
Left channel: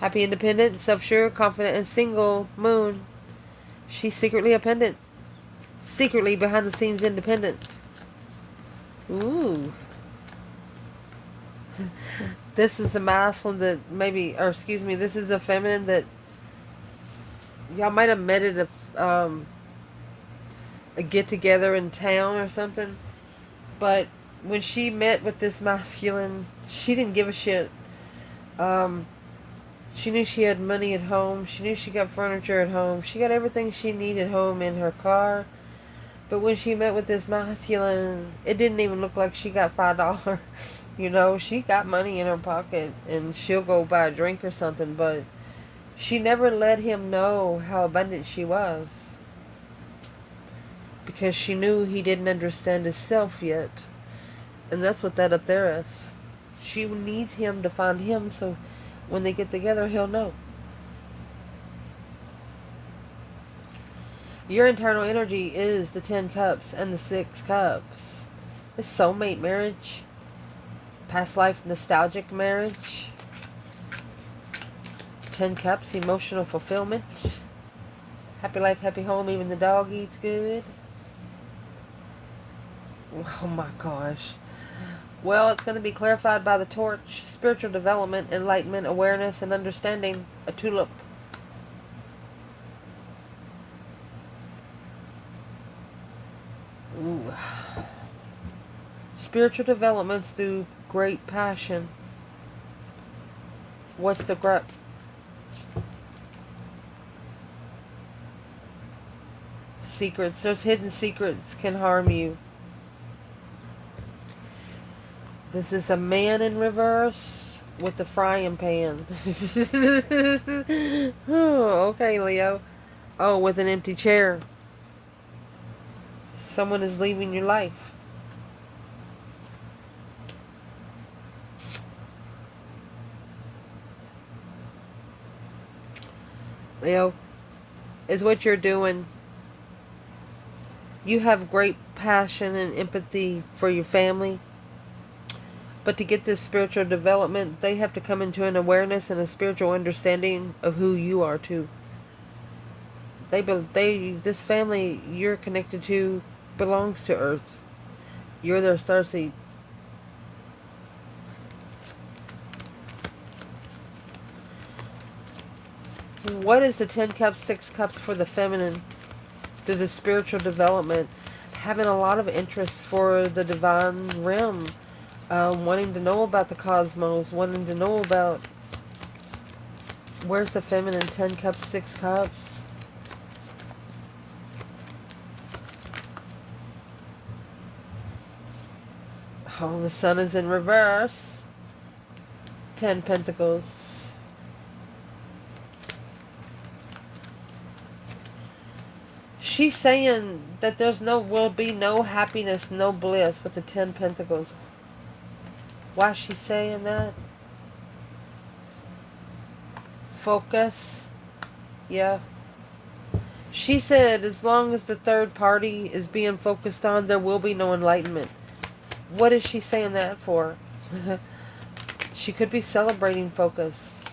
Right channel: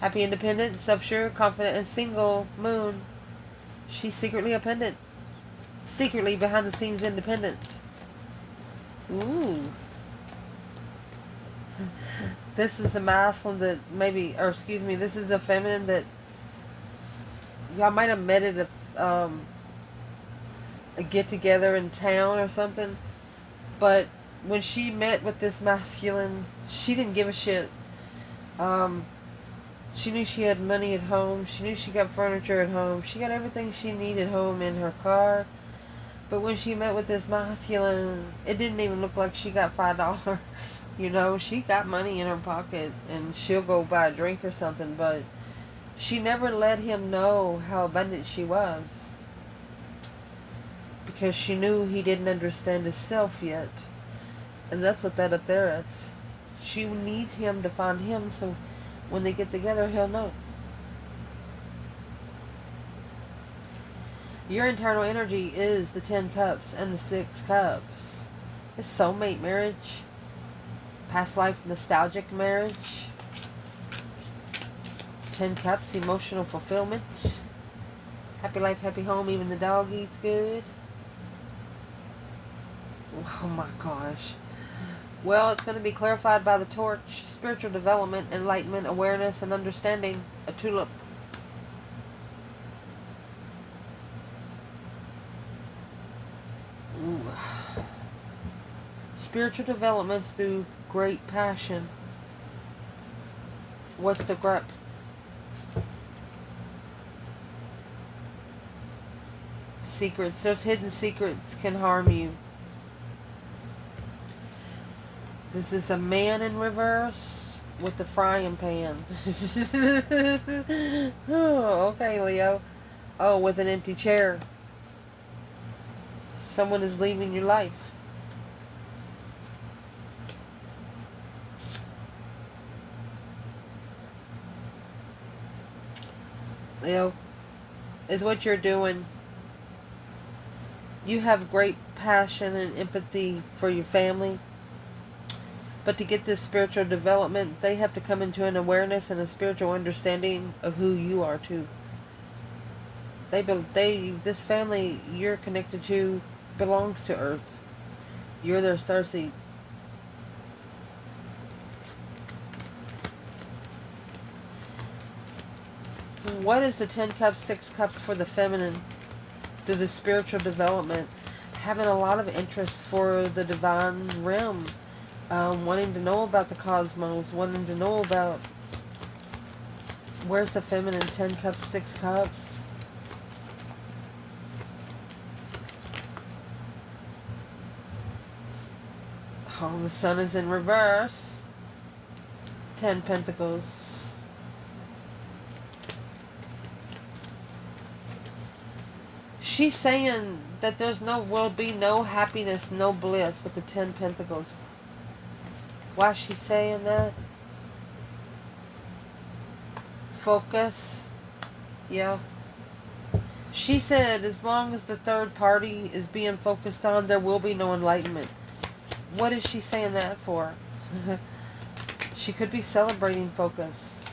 Happy, independent, self-sure, confident, and single moon. She's secretly a pendant. Secretly behind the scenes independent. Ooh. This is a masculine that maybe, or excuse me, this is a feminine that y'all might have met at a get-together in town or something. But when she met with this masculine, she didn't give a shit. She knew she had money at home. She knew she got furniture at home. She got everything she needed home in her car. But when she met with this masculine, it didn't even look like she got $5. You know, she got money in her pocket and she'll go buy a drink or something, but she never let him know how abundant she was. Because she knew he didn't understand himself yet. And that's what that up there is. She needs him to find him so when they get together, he'll know. Your internal energy is the 10 cups and the 6 cups. It's soulmate marriage. Past life nostalgic marriage. 10 cups, emotional fulfillment. Happy life, happy home, even the dog eats good. Oh my gosh. Well, it's going to be clarified by the torch. Spiritual development, enlightenment, awareness, and understanding. A tulip. Ooh. Spiritual developments through great passion. What's the grep? Secrets. Those hidden secrets can harm you. This is a man in reverse with the frying pan. Oh, okay, Leo. Oh, with an empty chair. Someone is leaving your life. Leo, is what you're doing. You have great passion and empathy for your family. But to get this spiritual development, they have to come into an awareness and a spiritual understanding of who you are too. This family you're connected to belongs to Earth. You're their starseed. What is the 10 cups, 6 cups for the feminine? Through the spiritual development, having a lot of interest for the divine realm, wanting to know about the cosmos, wanting to know about where's the feminine. 10 cups, 6 cups. Oh, the sun is in reverse. 10 pentacles. She's saying that will be no happiness, no bliss with the 10 pentacles. Why is she saying that? Focus. Yeah. She said as long as the third party is being focused on, there will be no enlightenment. What is she saying that for? She could be celebrating focus.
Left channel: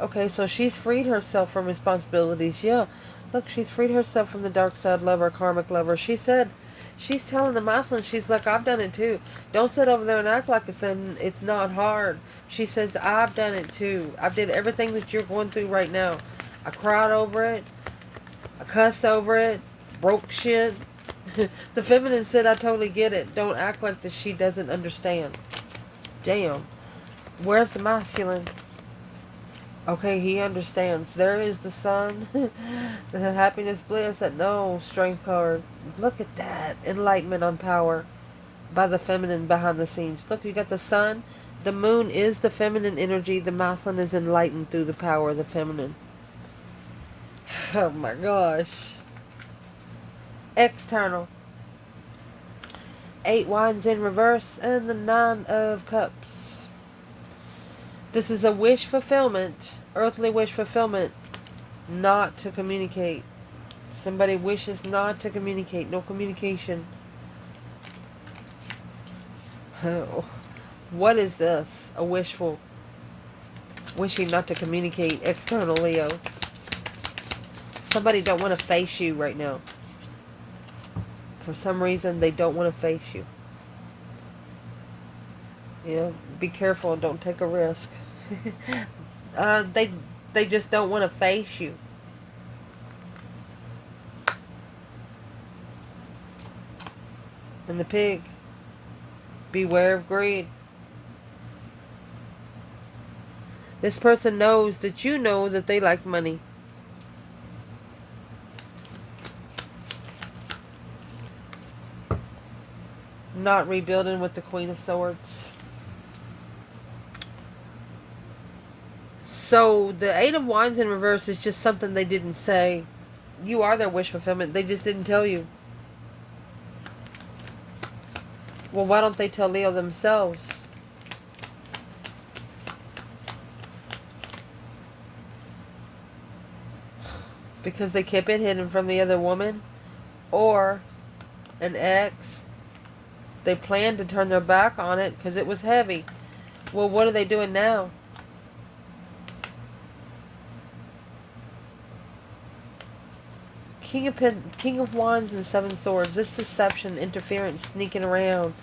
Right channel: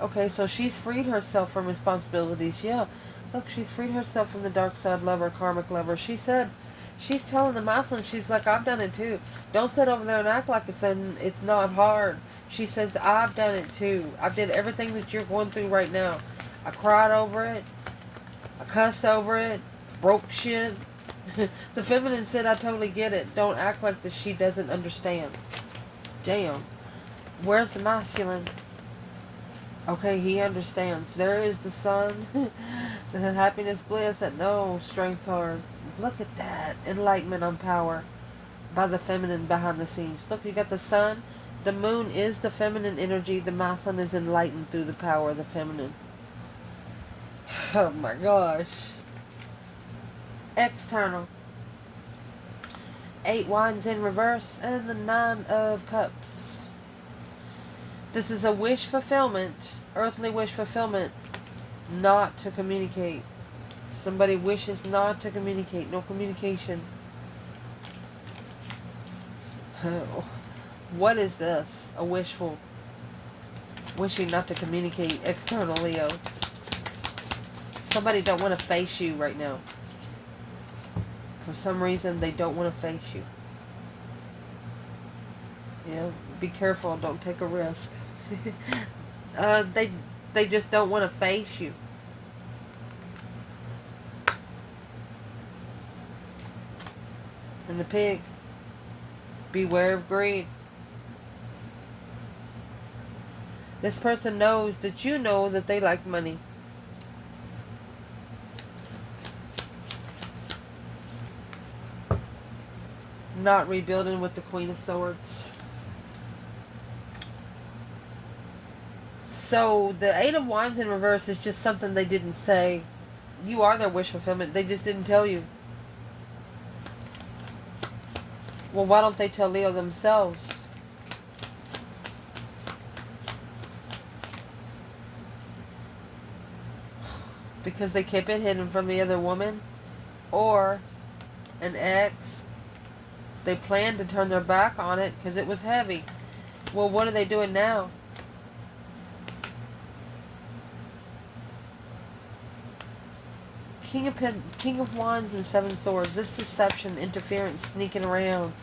Okay, so she's freed herself from responsibilities. Yeah. Look, she's freed herself from the dark side lover, karmic lover. She said, she's telling the masculine, she's like, I've done it too. Don't sit over there and act like it's not hard. She says, I've done it too. I did everything that you're going through right now. I cried over it. I cussed over it. Broke shit. The feminine said, I totally get it. Don't act like that she doesn't understand. Damn. Where's the masculine? Okay, he understands. There is the sun. The happiness, bliss, that no strength card. Look at that. Enlightenment on power by the feminine behind the scenes. Look, you got the sun. The moon is the feminine energy. The masculine is enlightened through the power of the feminine. Oh my gosh. External. 8 wands in reverse and the 9 of cups. This is a wish fulfillment, earthly wish fulfillment, not to communicate. Somebody wishes not to communicate, no communication. What is this? A wishful, wishing not to communicate, external Leo. Somebody don't want to face you right now. For some reason, they don't want to face you. You know, be careful. Don't take a risk. They just don't want to face you. And the pig. Beware of greed. This person knows that you know that they like money. Not rebuilding with the Queen of Swords. So the 8 of Wands in reverse is just something they didn't say. You are their wish fulfillment. They just didn't tell you. Well, why don't they tell Leo themselves? Because they kept it hidden from the other woman? Or an ex? They planned to turn their back on it because it was heavy. Well, what are they doing now? King of Wands and 7 Swords. This deception, interference, sneaking around.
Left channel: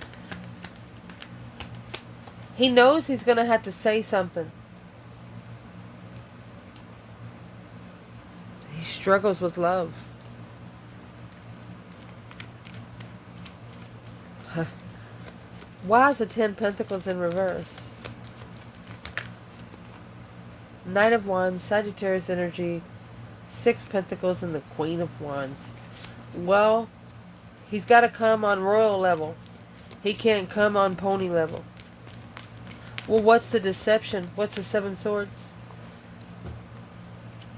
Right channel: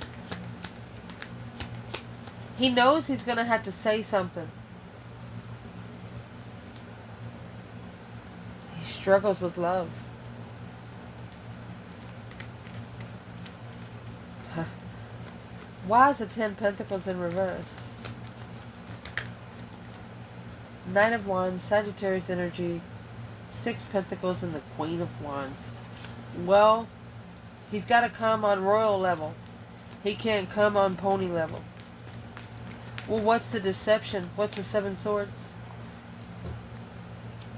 He knows he's going to have to say something. He struggles with love. Why is the 10 Pentacles in reverse? Knight of Wands, Sagittarius energy, 6 Pentacles, and the Queen of Wands. Well, he's got to come on royal level. He can't come on pony level. Well, what's the deception? What's the 7 swords?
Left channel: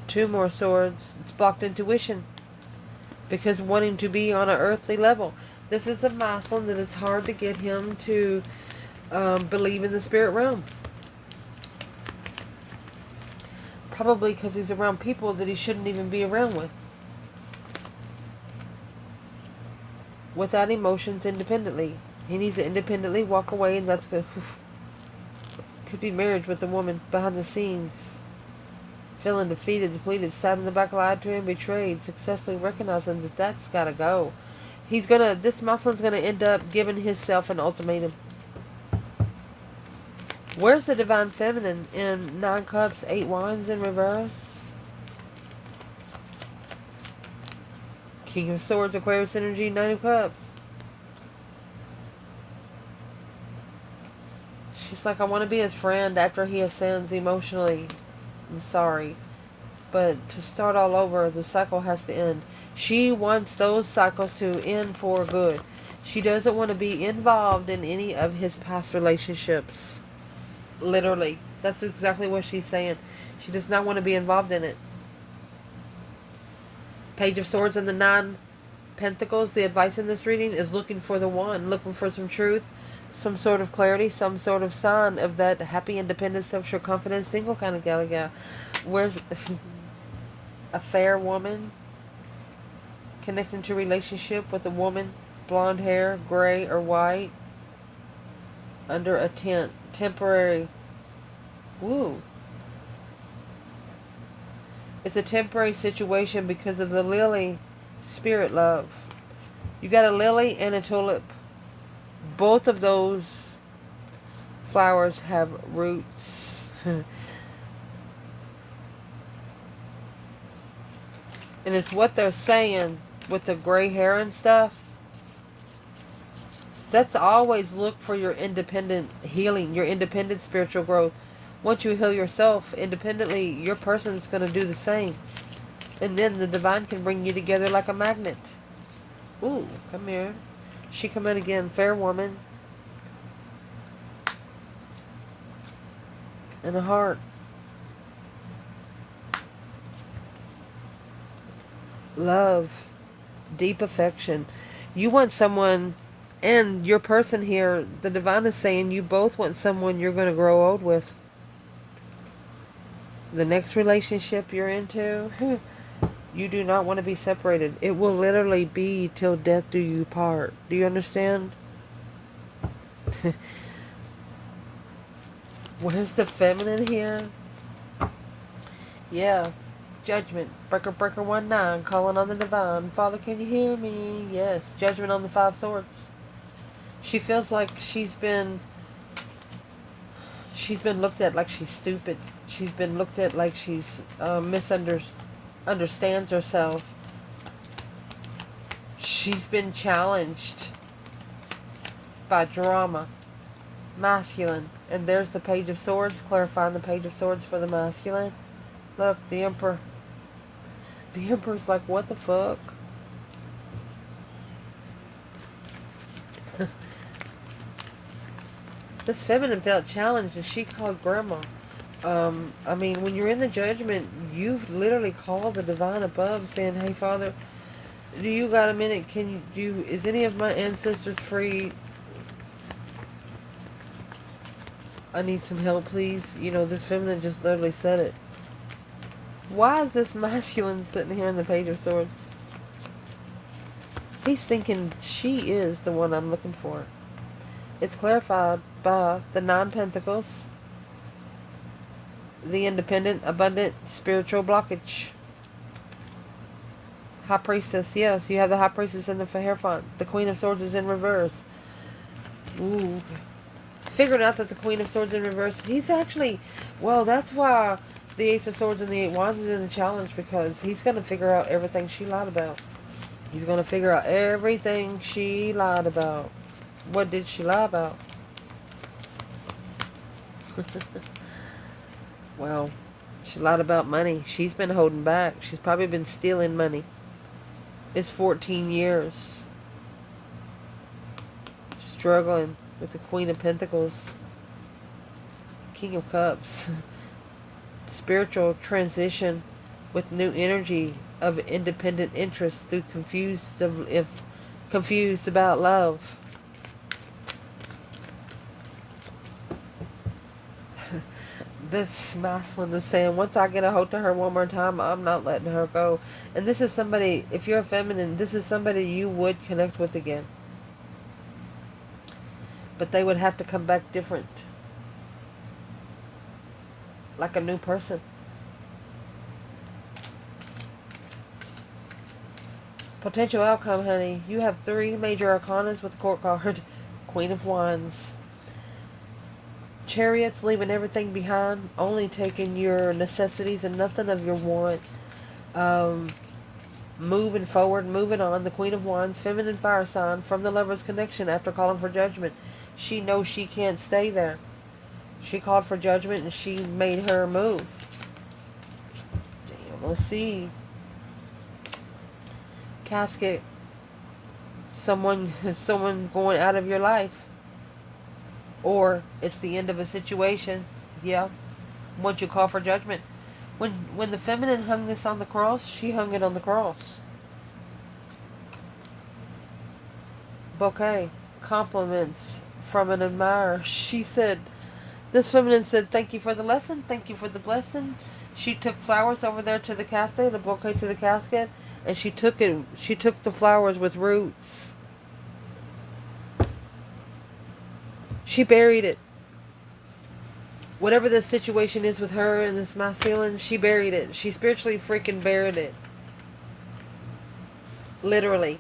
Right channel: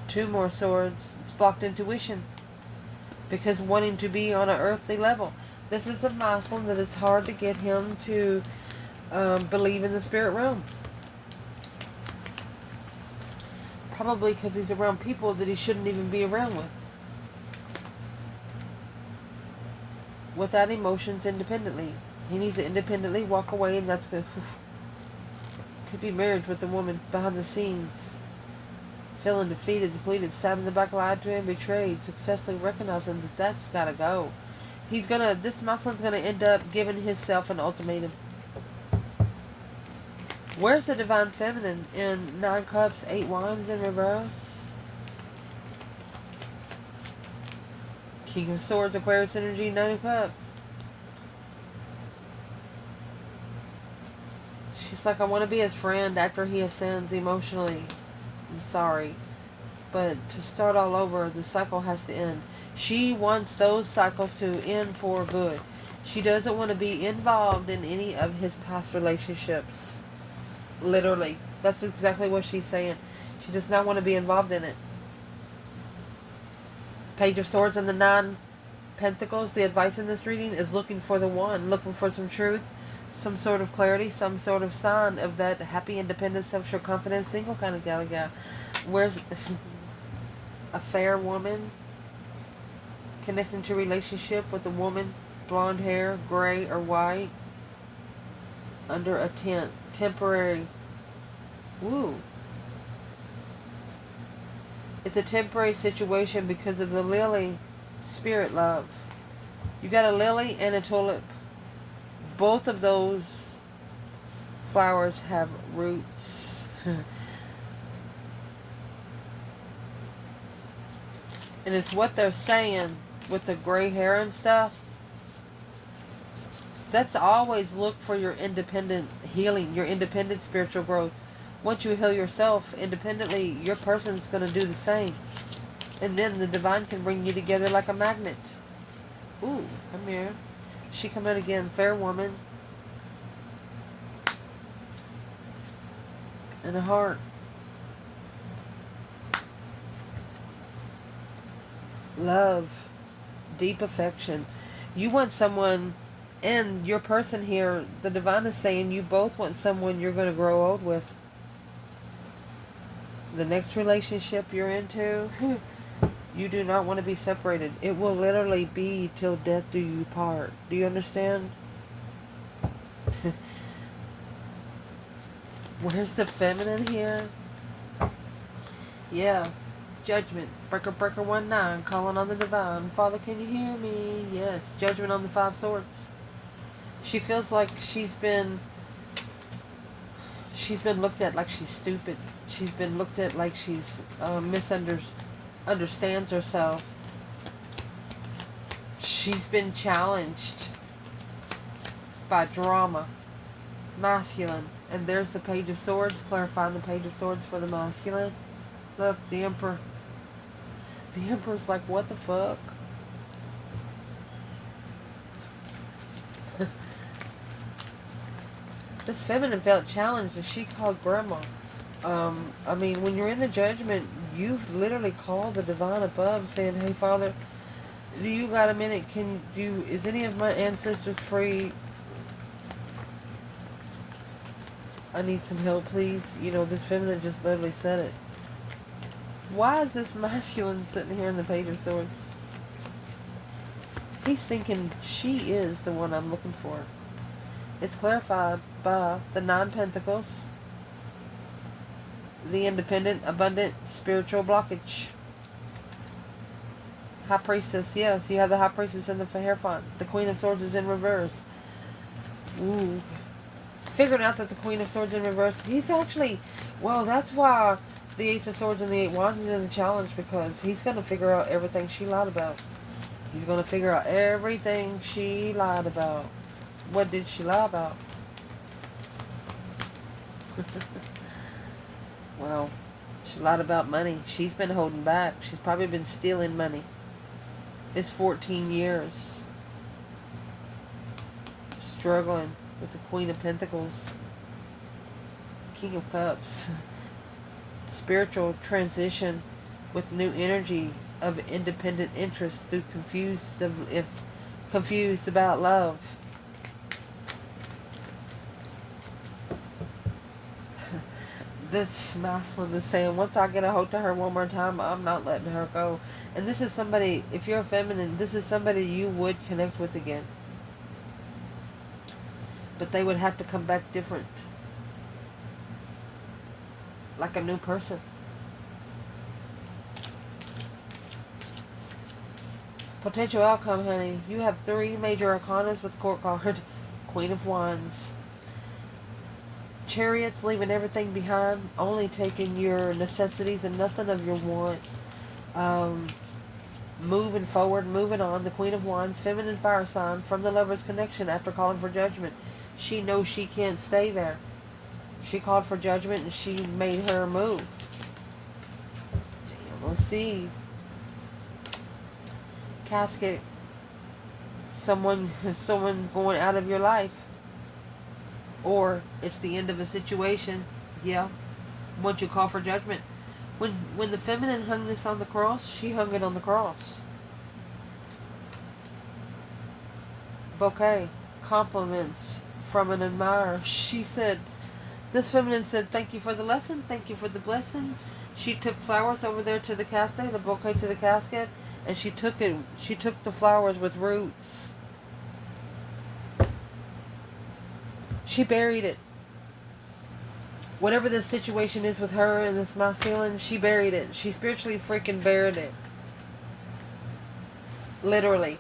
2 more swords. It's blocked intuition. Because wanting to be on an earthly level. This is a Muslim that it's hard to get him to believe in the spirit realm. Probably because he's around people that he shouldn't even be around with. Without emotions, independently. He needs to independently walk away, and that's good. Could be marriage with a woman behind the scenes. Feeling defeated, depleted, stabbed in the back, lied to him, betrayed, successfully recognizing that that's gotta go. This Muslim's gonna end up giving himself an ultimatum. Where's the divine feminine in 9 cups, 8 wands in reverse? King of Swords, Aquarius energy, 9 of cups. She's like, I want to be his friend after he ascends emotionally. I'm sorry. But to start all over, the cycle has to end. She wants those cycles to end for good. She doesn't want to be involved in any of his past relationships. Literally. That's exactly what she's saying. She does not want to be involved in it. Page of Swords and the 9 Pentacles. The advice in this reading is looking for the one. Looking for some truth. Some sort of clarity. Some sort of sign of that happy, independent, self-sure, confident, single kind of gal. Where's a fair woman connecting to relationship with a woman, blonde hair, gray or white, under a tent, temporary. Woo. It's a temporary situation because of the lily, spirit love. You got a lily and a tulip. Both of those flowers have roots. And it's what they're saying with the gray hair and stuff. That's always look for your independent healing, your independent spiritual growth. Once you heal yourself independently, your person's going to do the same. And then the divine can bring you together like a magnet. Ooh, come here. She come in again, fair woman. And a heart. Love. Deep affection. You want someone, and your person here, the divine is saying you both want someone you're going to grow old with. The next relationship you're into, you do not want to be separated. It will literally be till death do you part. Do you understand? Where's the feminine here? Yeah. Judgment. Breaker 1-9. Calling on the divine. Father, can you hear me? Yes. Judgment on the 5 swords. She feels like she's been looked at like she's stupid. She's been looked at like she's misunderstands herself. She's been challenged by drama. Masculine. And there's the Page of Swords, clarifying the Page of Swords for the masculine. Look, the Emperor. The Emperor's like, what the fuck? This feminine felt challenged, and she called grandma. I mean, when you're in the judgment, you've literally called the divine above, saying, "Hey, Father, do you got a minute? Can you is any of my ancestors free? I need some help, please." You know, this feminine just literally said it. Why is this masculine sitting here in the Page of Swords? He's thinking she is the one I'm looking for. It's clarified by the 9 Pentacles, the independent, abundant, spiritual blockage. High Priestess, yes, you have the High Priestess in the Hierophant. The Queen of Swords is in reverse. Ooh. Figured out that the Queen of Swords in reverse, he's actually, well, that's why the Ace of Swords and the 8 Wands is in the challenge, because he's going to figure out everything she lied about. He's going to figure out everything she lied about. What did she lie about? Well, she lied about money. She's been holding back. She's probably been stealing money. It's 14 years. struggling with the Queen of Pentacles, King of Cups. Spiritual transition with new energy of independent interest through confused about love. This masculine is saying, once I get a hold of her one more time, I'm not letting her go. And this is somebody, if you're a feminine, this is somebody you would connect with again. But they would have to come back different. Like a new person. Potential outcome, honey. You have 3 major arcanas with the court card. Queen of Wands. Chariots, leaving everything behind, only taking your necessities and nothing of your want. Moving forward, moving on. The Queen of Wands, feminine fire sign, from the Lover's connection after calling for judgment. She knows she can't stay there. She called for judgment and she made her move. Damn, let's see. Casket. Someone going out of your life. Or it's the end of a situation. Yeah. Once you call for judgment. When the feminine hung this on the cross, she hung it on the cross. Bouquet. Compliments from an admirer. She said, this feminine said, thank you for the lesson. Thank you for the blessing. She took flowers over there to the casket, a bouquet to the casket, and she took the flowers with roots. She buried it. Whatever the situation is with her and this masculine, she buried it. She spiritually freaking buried it. Literally.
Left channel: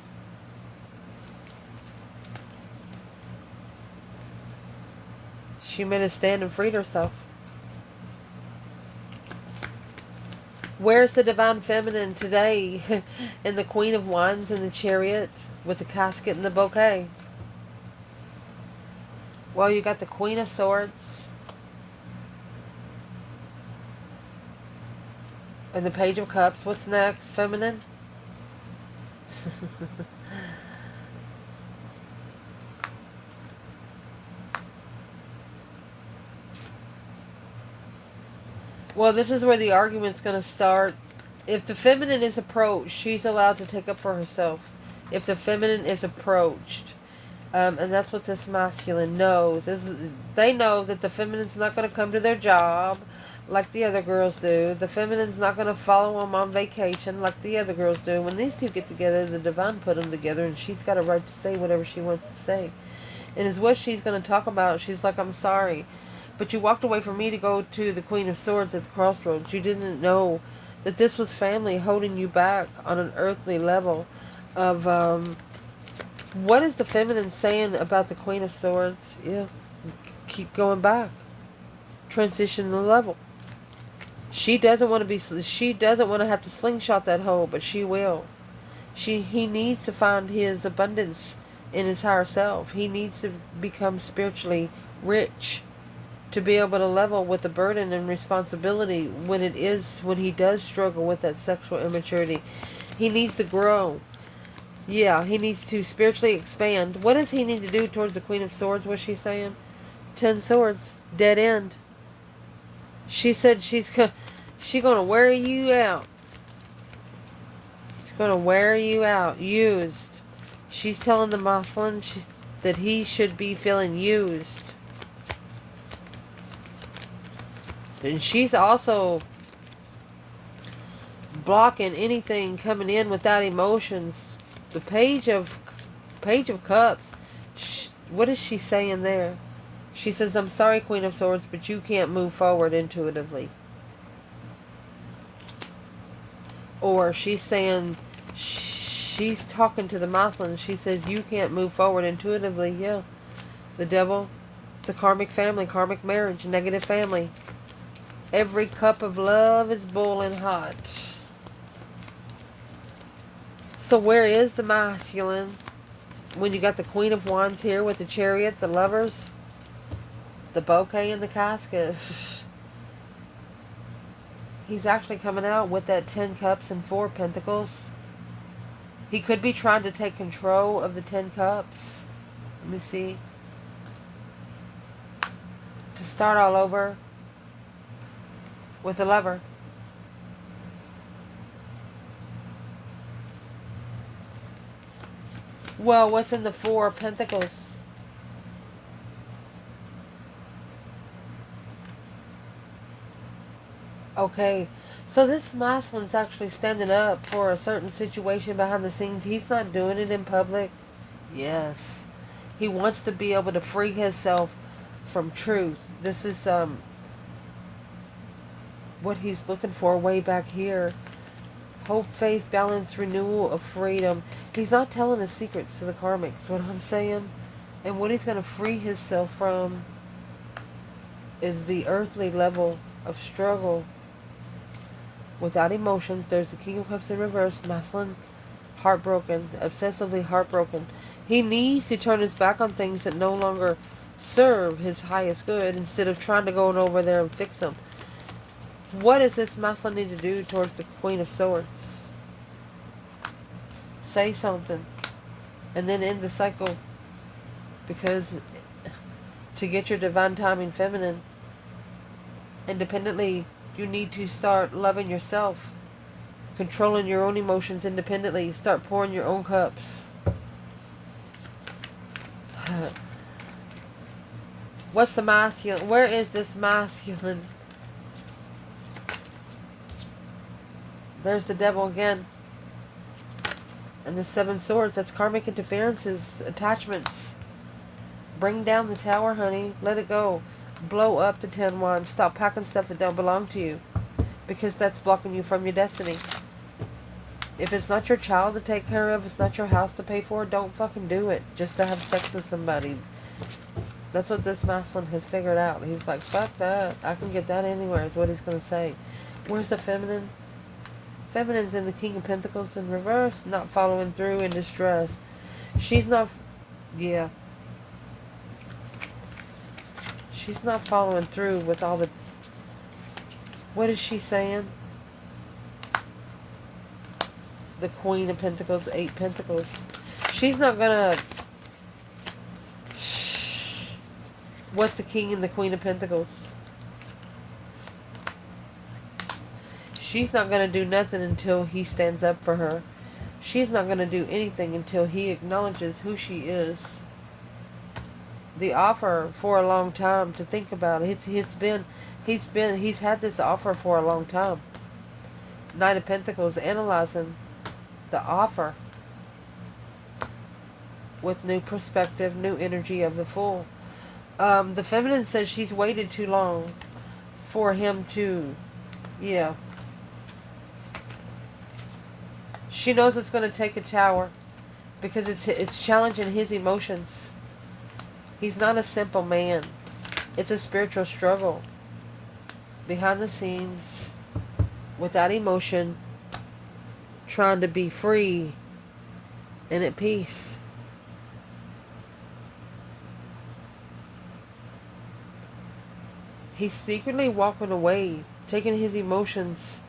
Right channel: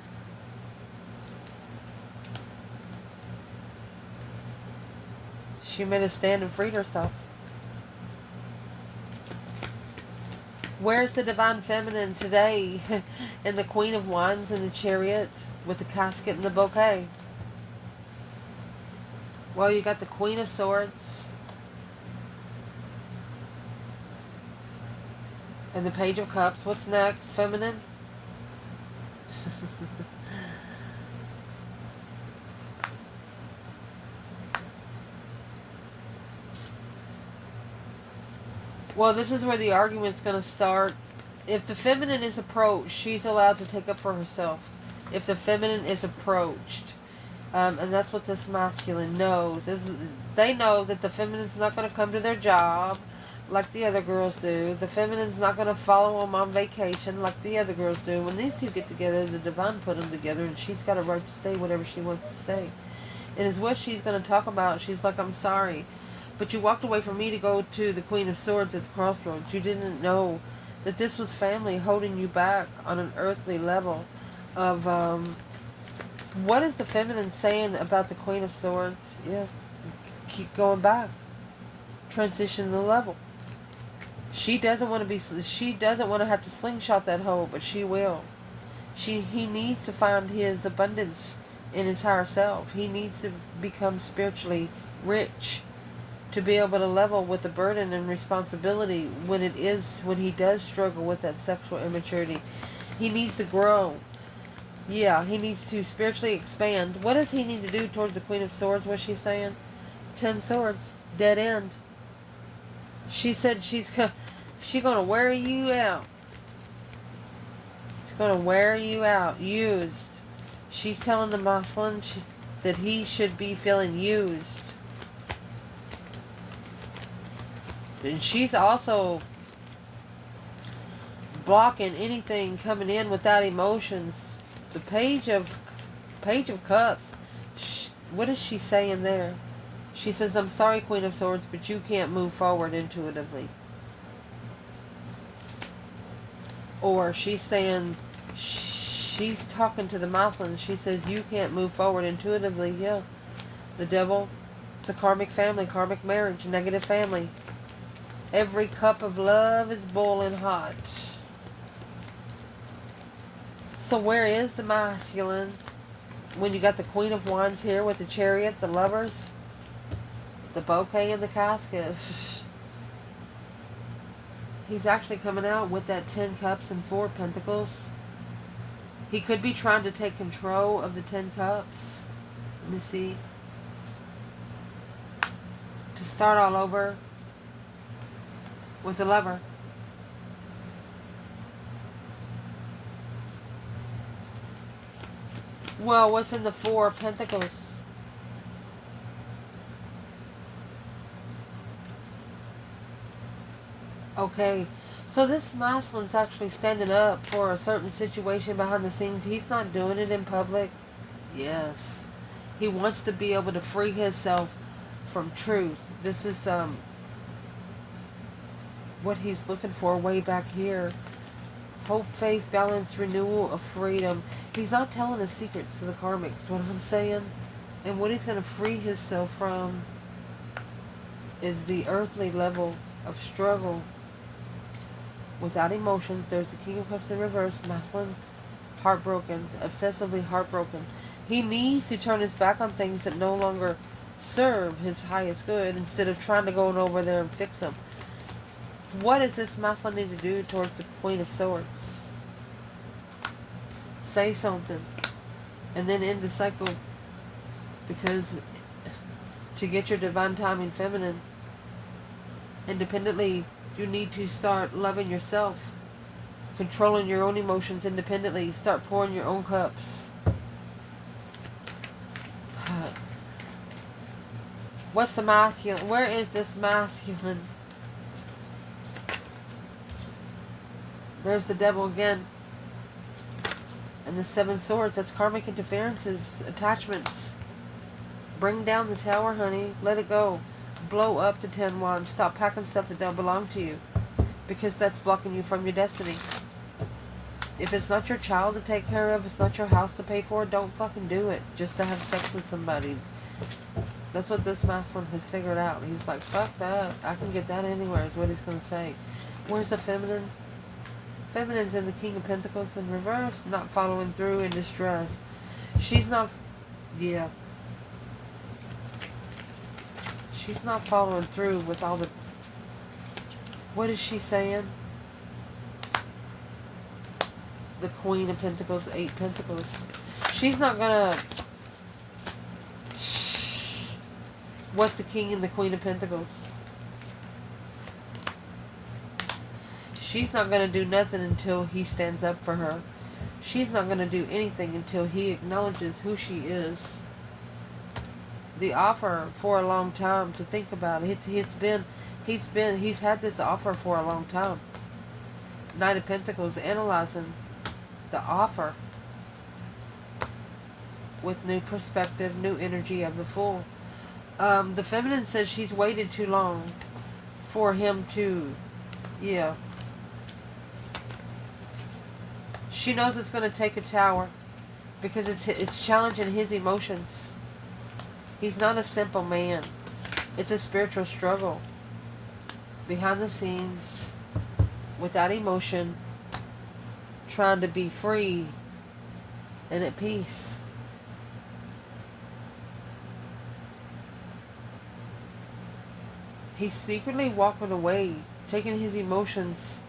She made a stand and freed herself. Where's the divine feminine today? In the Queen of Wands and the Chariot with the casket and the bouquet. Well, you got the Queen of Swords and the Page of Cups. What's next, feminine? Well, this is where the argument's going to start. If the feminine is approached, she's allowed to take up for herself. If the feminine is approached. And that's what this masculine knows. They know that the feminine's not going to come to their job like the other girls do. The feminine's not going to follow them on vacation like the other girls do. When these two get together, the divine put them together, and she's got a right to say whatever she wants to say. And is what she's going to talk about. She's like, I'm sorry, but you walked away from me to go to the Queen of Swords at the crossroads. You didn't know that this was family holding you back on an earthly level of... what is the feminine saying about the Queen of Swords? Yeah, keep going back. Transition the level. She doesn't want to be. She doesn't want to have to slingshot that hole, but she will. He needs to find his abundance in his higher self. He needs to become spiritually rich to be able to level with the burden and responsibility when he does struggle with that sexual immaturity. He needs to grow. Yeah, he needs to spiritually expand. What does he need to do towards the Queen of Swords? What's she saying? 10 swords. Dead end. She said she's going to wear you out. She's going to wear you out. Used. She's telling the masculine that he should be feeling used. And she's also blocking anything coming in without emotions. The Page of Cups, what is she saying there? She says, I'm sorry, Queen of Swords, but you can't move forward intuitively. Or she's saying, she's talking to the masculine. She says, you can't move forward intuitively. Yeah. The Devil, it's a karmic family, karmic marriage, negative family. Every cup of love is boiling hot. So where is the masculine when you got the Queen of Wands here with the Chariot, the Lovers, the bouquet, and the casket? He's actually coming out with that 10 Cups and 4 Pentacles. He could be trying to take control of the 10 Cups. Let me see. To start all over with the Lover. Well, what's in the Four of Pentacles? Okay, so this masculine's actually standing up for a certain situation behind the scenes. He's not doing it in public. Yes. He wants to be able to free himself from truth. This is what he's looking for way back here. Hope, faith, balance, renewal of freedom. He's not telling his secrets to the karmics, what I'm saying. And what he's going to free himself from is the earthly level of struggle. Without emotions, there's the King of Cups in reverse, masculine, heartbroken, obsessively heartbroken. He needs to turn his back on things that no longer serve his highest good instead of trying to go over there and fix them. What does this masculine need to do towards the Queen of Swords? Say something and then end the cycle, because to get your divine timing feminine independently, you need to start loving yourself, controlling your own emotions independently, start pouring your own cups. What's the masculine? Where is this masculine? There's the Devil again. And the Seven Swords. That's karmic interferences, attachments. Bring down the Tower, honey. Let it go. Blow up the 10 Wands. Stop packing stuff that don't belong to you, because that's blocking you from your destiny. If it's not your child to take care of, it's not your house to pay for, don't fucking do it just to have sex with somebody. That's what this masculine has figured out. He's like, fuck that. I can get that anywhere, is what he's going to say. Where's the feminine? Feminine's in the King of Pentacles in reverse, not following through, in distress. She's not, yeah. She's not following through with all the, what is she saying? The Queen of Pentacles, 8 Pentacles. She's not gonna, what's the King and the Queen of Pentacles? She's not going to do nothing until he stands up for her. She's not going to do anything until he acknowledges who she is. The offer for a long time to think about it. He's had this offer for a long time. Knight of Pentacles, analyzing the offer with new perspective, new energy of the Fool. The feminine says she's waited too long for him to, yeah. She knows it's going to take a Tower because it's challenging his emotions. He's not a simple man. It's a spiritual struggle. Behind the scenes, without emotion, trying to be free and at peace. He's secretly walking away, taking his emotions.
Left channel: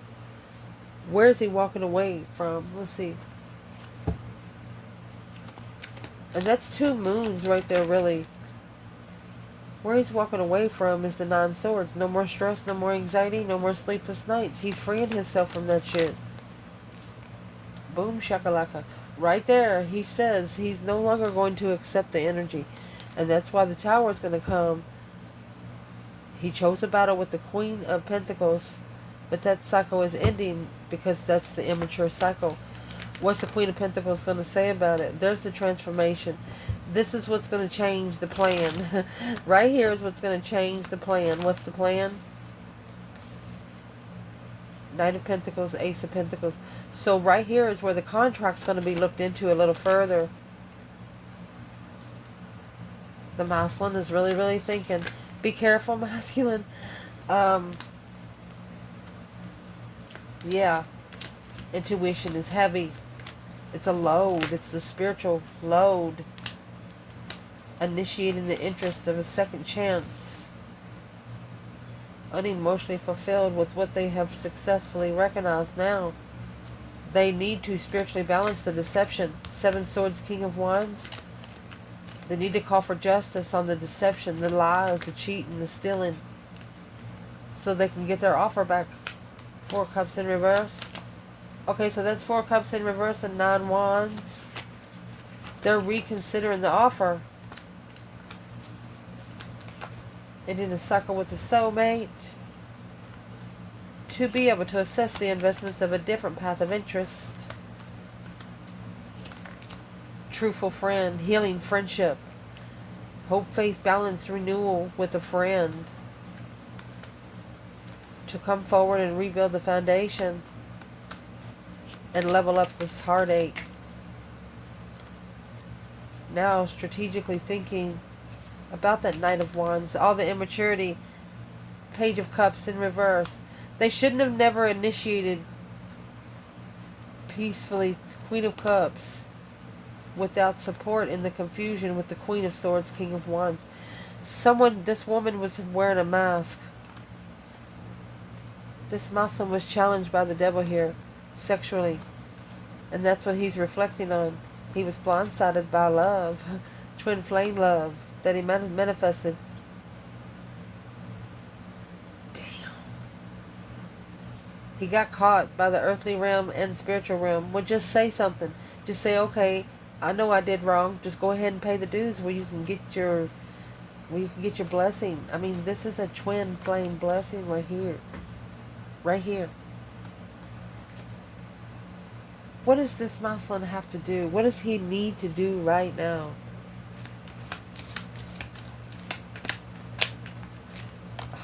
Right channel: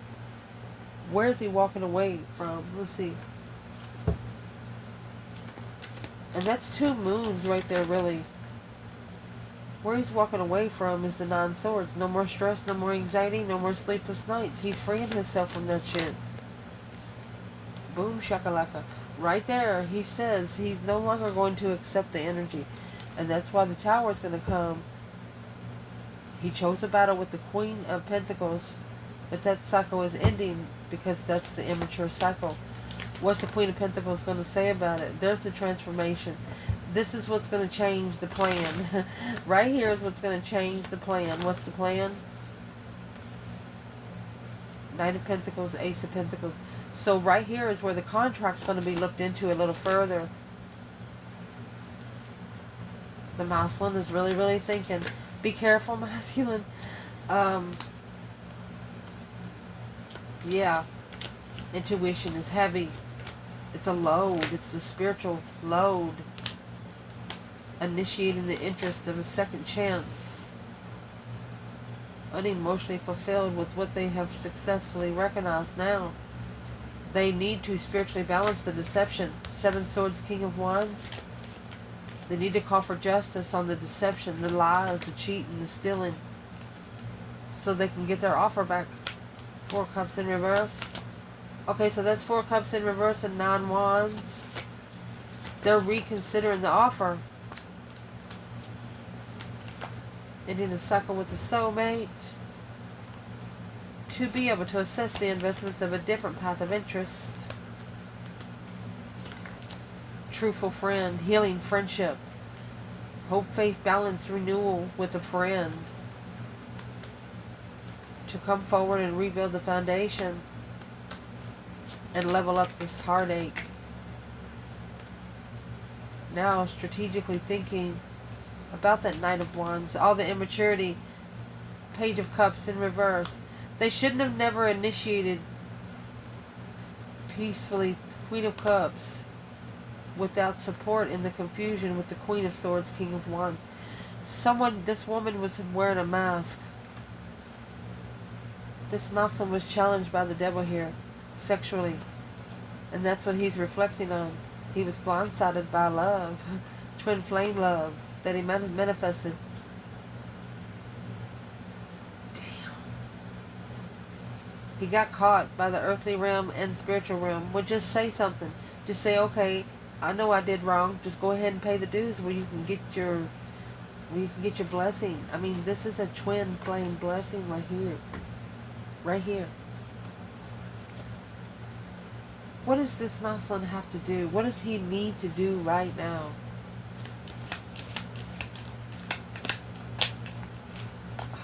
Where is he walking away from? Let's see. And that's 2 moons right there, really. Where he's walking away from is the 9 Swords. No more stress, no more anxiety, no more sleepless nights. He's freeing himself from that shit. Boom shakalaka. Right there, he says he's no longer going to accept the energy. And that's why the Tower is going to come. He chose a battle with the Queen of Pentacles. But that cycle is ending because that's the immature cycle. What's the Queen of Pentacles going to say about it? There's the transformation. This is what's going to change the plan. Right here is what's going to change the plan. What's the plan? Knight of Pentacles, Ace of Pentacles. So right here is where the contract's going to be looked into a little further. The masculine is really, really thinking. Be careful, masculine. Yeah, intuition is heavy. It's a load. It's the spiritual load. Initiating the interest of a second chance. Unemotionally fulfilled with what they have successfully recognized now. They need to spiritually balance the deception. 7 Swords, King of Wands. They need to call for justice on the deception, the lies, the cheating, the stealing, so they can get their offer back. 4 cups in reverse. Okay, so that's 4 cups in reverse and 9 wands. They're reconsidering the offer. Ending a cycle with the soulmate. To be able to assess the investments of a different path of interest. Truthful friend. Healing friendship. Hope, faith, balance, renewal with a friend. To come forward and rebuild the foundation. And level up this heartache. Now strategically thinking about that Knight of Wands. All the immaturity. Page of Cups in reverse. They shouldn't have never initiated peacefully Queen of Cups without support in the confusion with the Queen of Swords, King of Wands. This woman was wearing a mask. This Muslim was challenged by the devil here, sexually. And that's what he's reflecting on. He was blindsided by love, twin flame love, that he manifested. He got caught by the earthly realm and spiritual realm. Well, just say something. Just say, okay, I know I did wrong. Just go ahead and pay the dues where you can get your blessing. I mean, this is a twin flame blessing right here. Right here. What does this Muslim have to do? What does he need to do right now?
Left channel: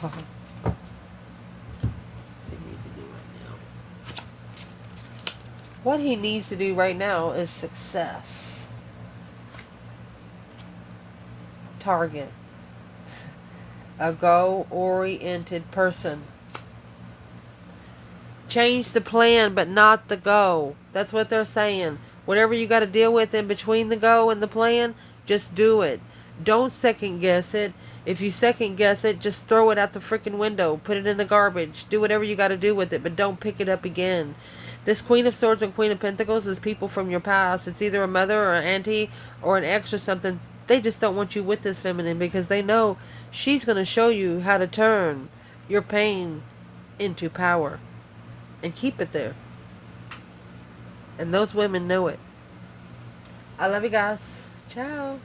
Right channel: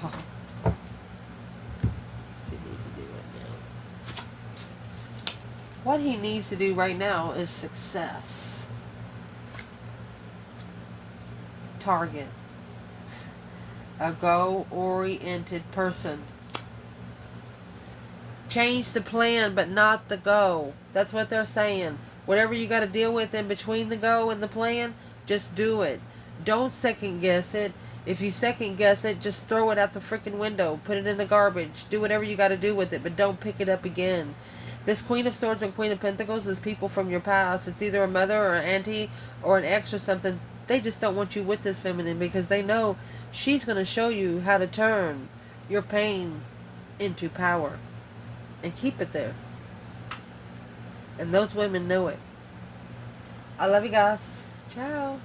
Oh. What he needs to do right now is success. Target. A goal-oriented person. Change the plan, but not the goal. That's what they're saying. Whatever you got to deal with in between the goal and the plan, just do it. Don't second guess it. If you second guess it, just throw it out the freaking window. Put it in the garbage. Do whatever you got to do with it, but don't pick it up again. This Queen of Swords and Queen of Pentacles is people from your past. It's either a mother or an auntie or an ex or something. They just don't want you with this feminine because they know she's going to show you how to turn your pain into power and keep it there. And those women know it. I love you guys. Ciao.